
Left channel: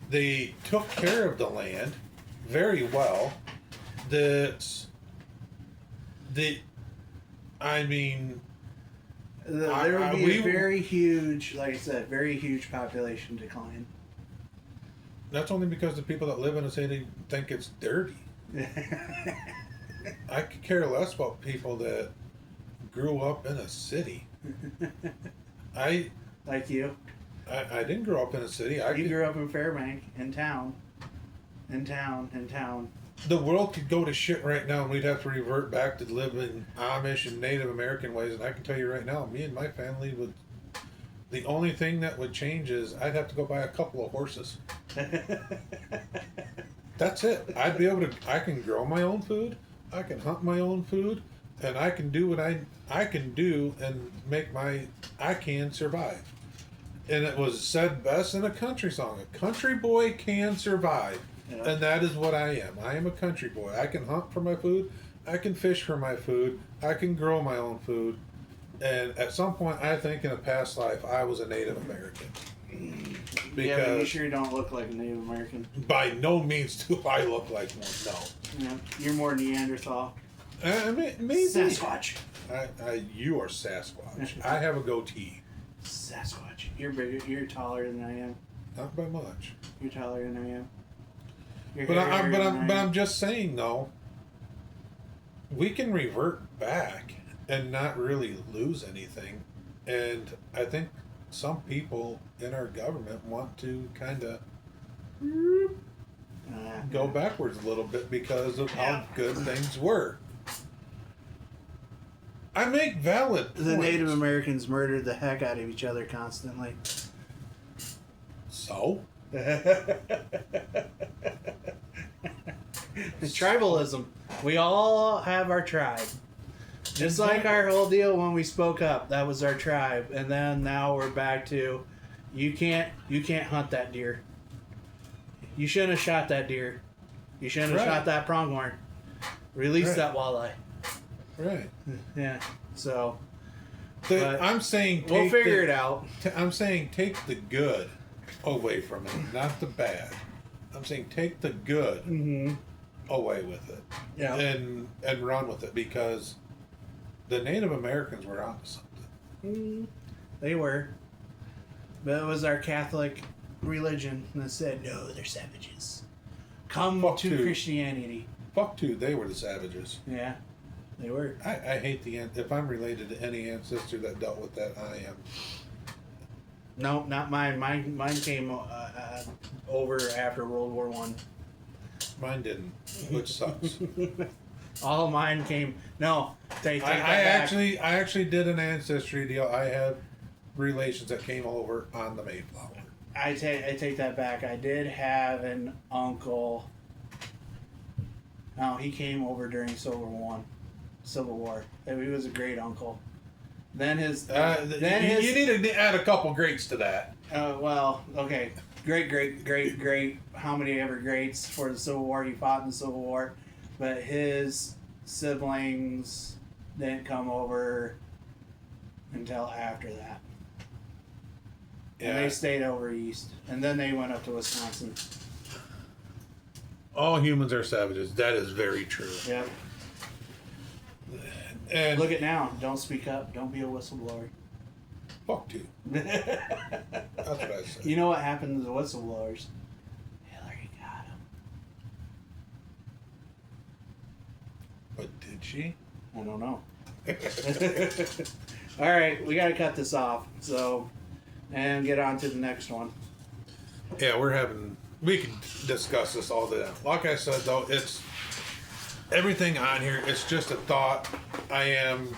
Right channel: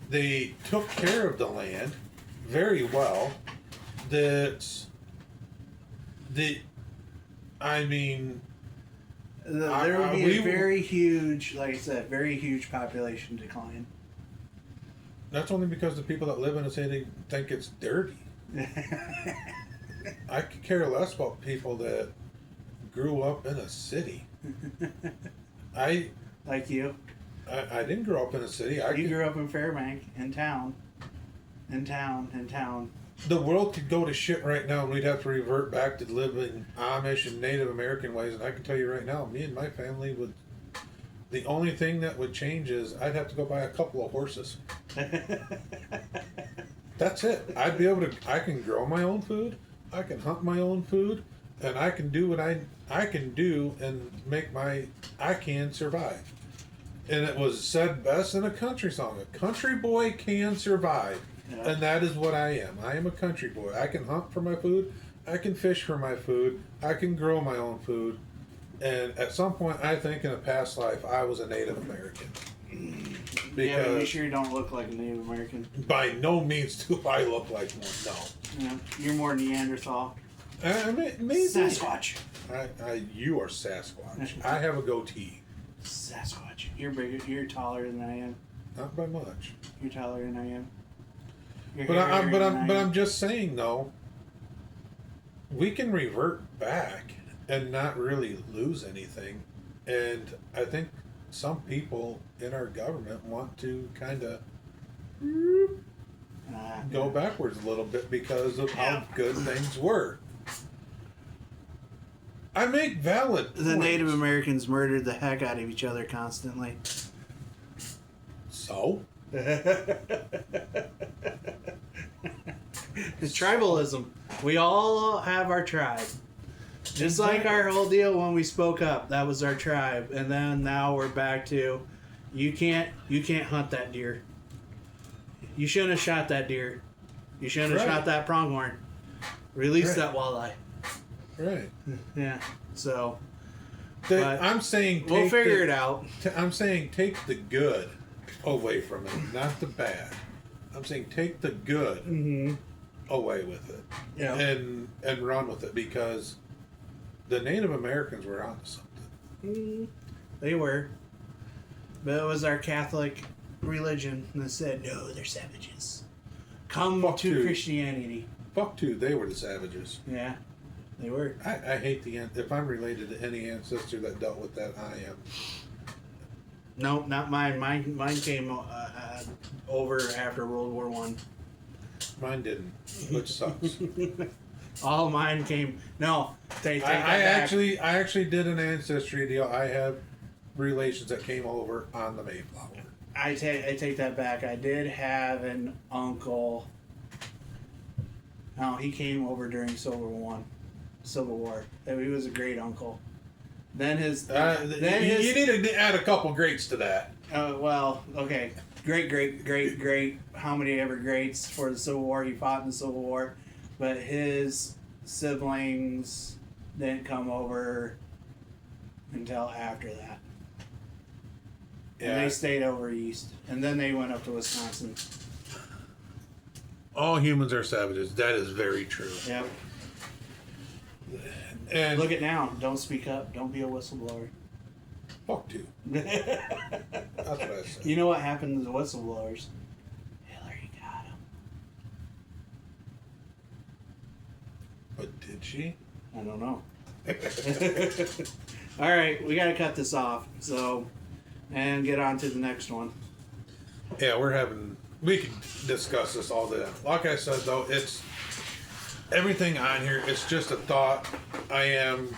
They took care of the land very well. I mean, there would be a very huge, like I said, very huge population decline. That's only because the people that live in a city think it's dirty. I could care less about people that grew up in a city. Like you. I didn't grow up in a city. You grew up in Fairbank, in town. The world could go to shit right now, and we'd have to revert back to living Amish and Native American ways. And I can tell you right now, me and my family would. The only thing that would change is I'd have to go buy a couple of horses. That's it. I'd be able to. I can grow my own food. I can hunt my own food, and I can do what I can do and make my. I can survive. And it was said best in a country song: "A country boy can survive." Yeah. And that is what I am. I am a country boy. I can hunt for my food. I can fish for my food. I can grow my own food. And at some point, I think in a past life, I was a Native American. Yeah, but you sure don't look like a Native American. By no means do I look like one, no. Yeah, you're more Neanderthal. Maybe. Sasquatch. You are Sasquatch. I have a goatee. Sasquatch. You're bigger. You're taller than I am. Not by much. You're taller than I am. But I'm just saying though, we can revert back and not really lose anything, and I think some people in our government want to kind of go backwards a little bit because of how good things were. I make valid points. The Native Americans murdered the heck out of each other constantly. So? It's tribalism. We all have our tribe. Just like our whole deal when we spoke up, that was our tribe, and then now we're back to, you can't hunt that deer. You shouldn't have shot that deer. You shouldn't have shot that pronghorn. Release that walleye. Right. Yeah. So. I'm saying we'll figure it out. I'm saying take the good away from it, not the bad. I'm saying take the good away with it, and run with it, because the Native Americans were on something. They were, but it was our Catholic religion that said, no, they're savages. Come to Christianity. Fuck too, they were the savages. Yeah, they were. I hate if I'm related to any ancestor that dealt with that, I am. No, not mine. Mine came over after World War I. Mine didn't, which sucks. All of mine came. No, take that I back. actually did an ancestry deal. I have relations that came over on the Mayflower. I take that back. I did have an uncle. No, he came over during Civil War. He was a great uncle. Then his. You need to add a couple greats to that. Well, okay. Great. How many ever greats for the Civil War? He fought in the Civil War. But his siblings didn't come over until after that. And they stayed over east. And then they went up to Wisconsin. All humans are savages. That is very true. Yep. And Look at now. Don't speak up. Don't be a whistleblower. fuck you. That's what I said. You know what happened to the whistleblowers? Hillary got them. But did she? I don't know. All right, we got to cut this off. So, and get on to the next one. Yeah, we can discuss this all day. Like I said, though, it's everything on here. It's just a thought. I am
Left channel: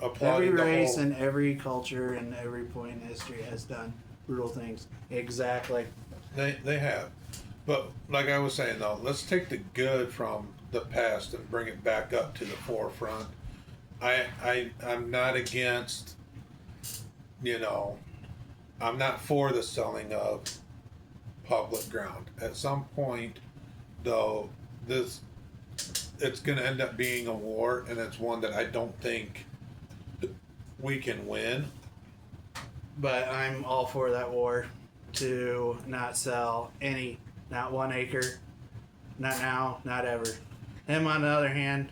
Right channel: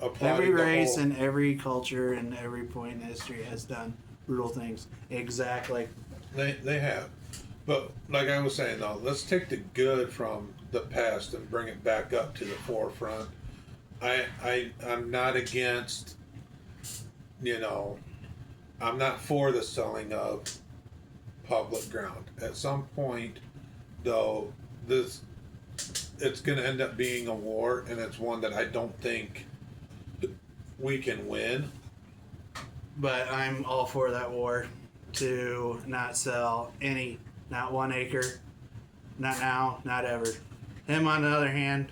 applauding Every race the whole. and every culture and every point in history has done brutal things. Exactly. They have, but like I was saying though, let's take the good from the past and bring it back up to the forefront. I'm not against. I'm not for the selling of public ground. At some point, though, it's going to end up being a war, and it's one that I don't think we can win. But I'm all for that war to not sell not 1 acre, not now, not ever. Him, on the other hand,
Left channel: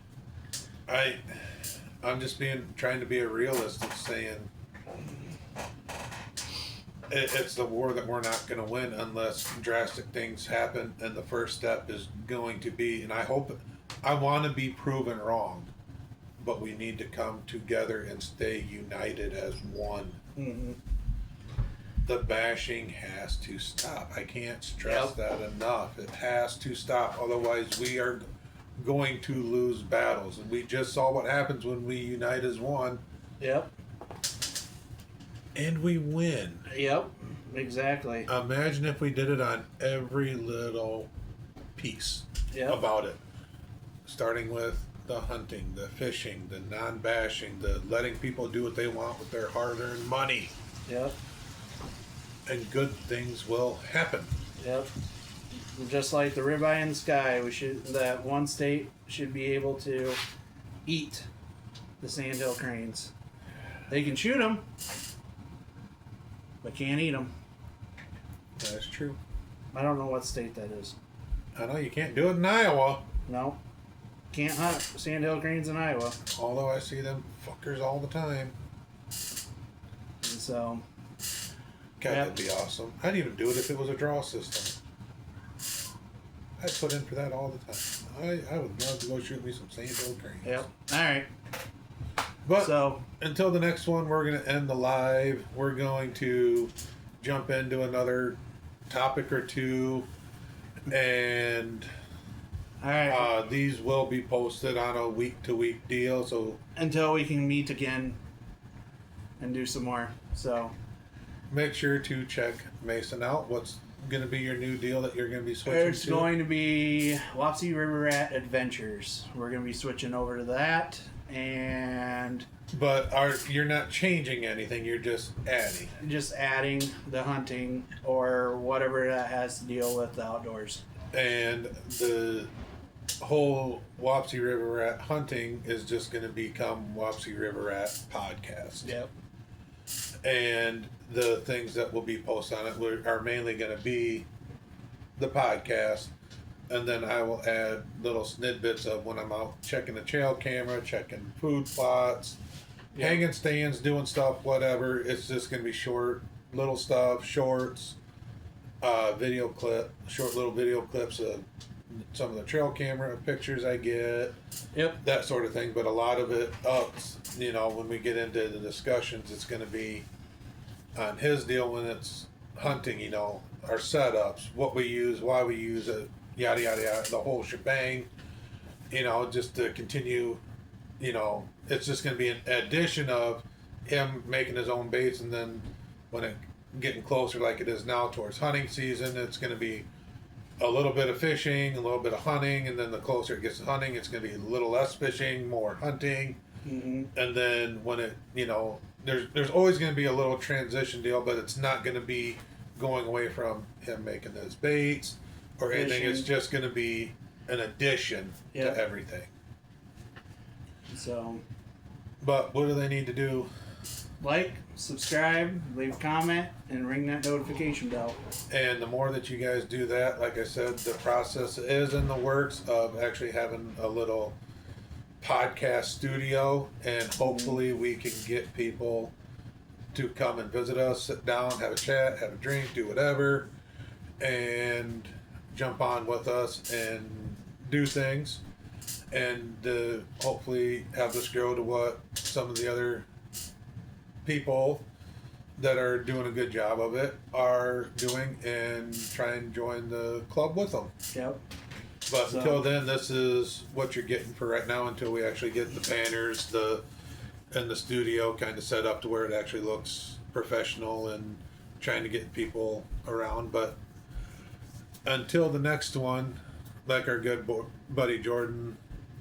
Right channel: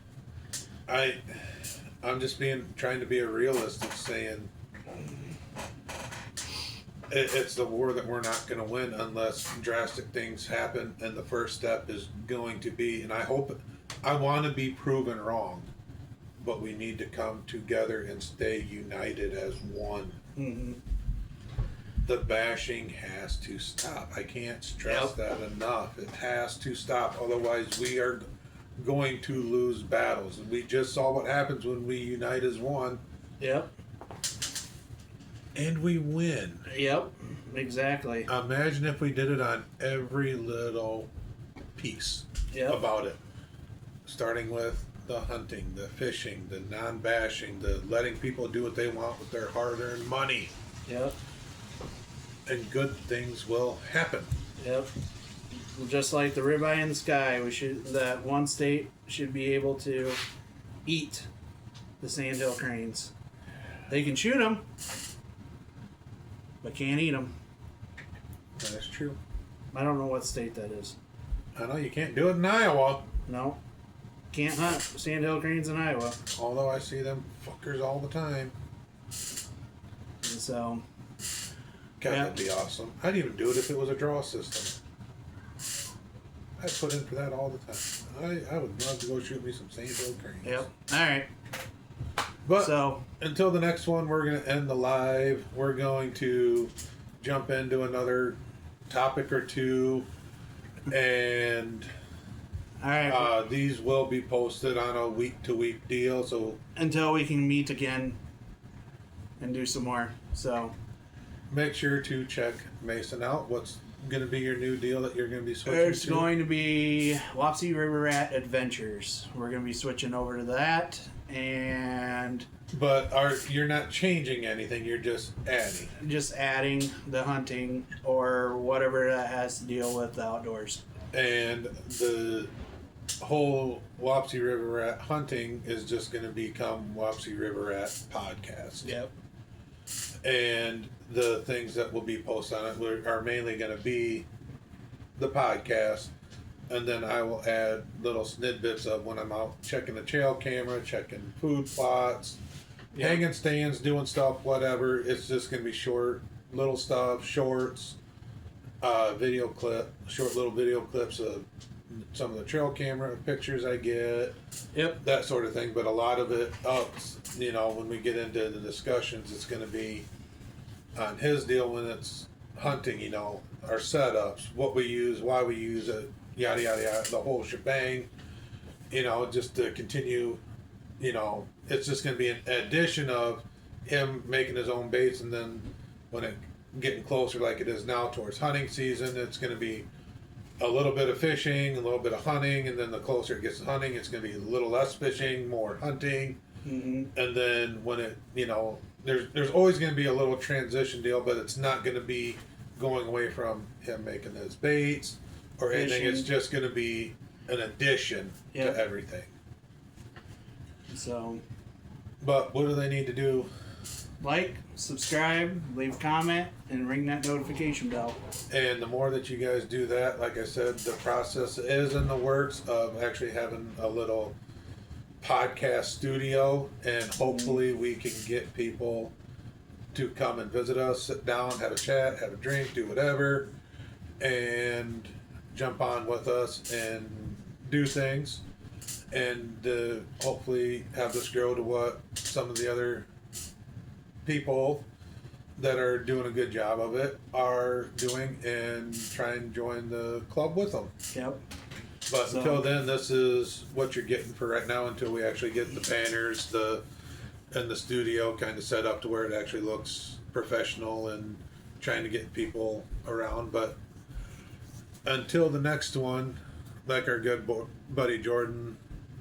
I'm just trying to be a realist and saying it's the war that we're not going to win unless drastic things happen, and the first step is going to be, and I want to be proven wrong, but we need to come together and stay united as one. mm-hmm. The bashing has to stop. I can't stress that enough. It has to stop. Otherwise, we are going to lose battles. And we just saw what happens when we unite as one. Yep. And we win. Yep. Exactly. Imagine if we did it on every little piece about it. Starting with the hunting, the fishing, the non-bashing, the letting people do what they want with their hard-earned money. Yep. And good things will happen. Yep. Just like the ribeye in the sky, that one state should be able to eat the sandhill cranes. They can shoot them, but can't eat them. That's true. I don't know what state that is. I know you can't do it in Iowa. No. Can't hunt sandhill cranes in Iowa. Although I see them fuckers all the time. And so. God, that'd be awesome. I'd even do it if it was a draw system. I'd put in for that all the time. I would love to go shoot me some sandhill cranes. Yep. All right. But until the next one, we're going to end the live. We're going to jump into another topic or two. And all right. These will be posted on a week-to-week deal. So until we can meet again and do some more. So make sure to check Mason out. What's going to be your new deal that you're going to be switching to? It's going to be Wapsie River Rat Adventures. We're going to be switching over to that. But you're not changing anything, you're just adding. Just adding the hunting or whatever that has to deal with the outdoors. And the whole Wapsie River Rat hunting is just going to become Wapsie River Rat Podcast. Yep. And the things that will be posted on it are mainly going to be the podcast. And then I will add little snippets of when I'm out checking the trail camera, checking food plots, hanging stands, doing stuff, whatever. It's just going to be short, little stuff, shorts, short little video clips of some of the trail camera pictures I get. Yep. That sort of thing. But a lot of it when we get into the discussions, it's going to be on his deal when it's hunting, our setups, what we use, why we use it, yada, yada, yada, the whole shebang. you know, just to continue, you know, it's just going to be an addition of him making his own baits, and then when it getting closer like it is now towards hunting season, it's going to be a little bit of fishing, a little bit of hunting, and then the closer it gets to hunting, it's going to be a little less fishing, more hunting. Mm-hmm. And then when it, you know, there's always going to be a little transition deal, but it's not going to be going away from him making those baits or anything. Fishing. It's just going to be an addition Yep. to everything. So, But what do they need to do? like, subscribe, leave a comment, and ring that notification bell. And the more that you guys do that, like I said, the process is in the works of actually having a little podcast studio, and hopefully we can get people to come and visit us, sit down, have a chat, have a drink, do whatever, and jump on with us and do things, and hopefully have this grow to what some of the other people that are doing a good job of it are doing, and try and join the club with them. Yep. But So- until then, this is what you're getting for right now until we actually get the banners, and the studio kind of set up to where it actually looks professional, and trying to get people around. But until the next one, like our good buddy Jordan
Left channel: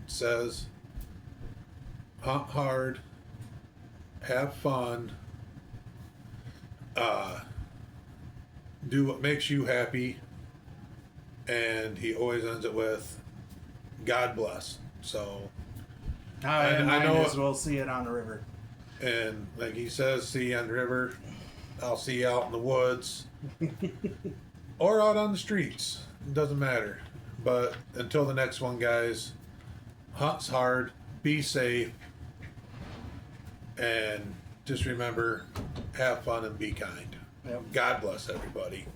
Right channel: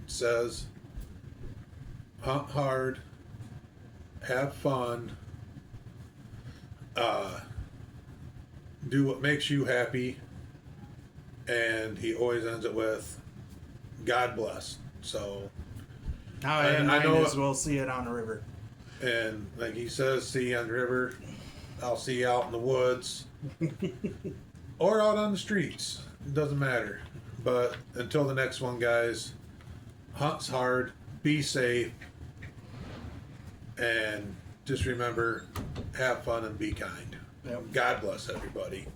says, hunt hard, have fun, do what makes you happy, and he always ends it with God bless. So, I And I might know- as well see it on the river. and like he says, see you on the river, I'll see you out in the woods or out on the streets, it doesn't matter. But until the next one, guys, hunt's hard, be safe, and just remember, have fun and be kind. Yep. God bless everybody.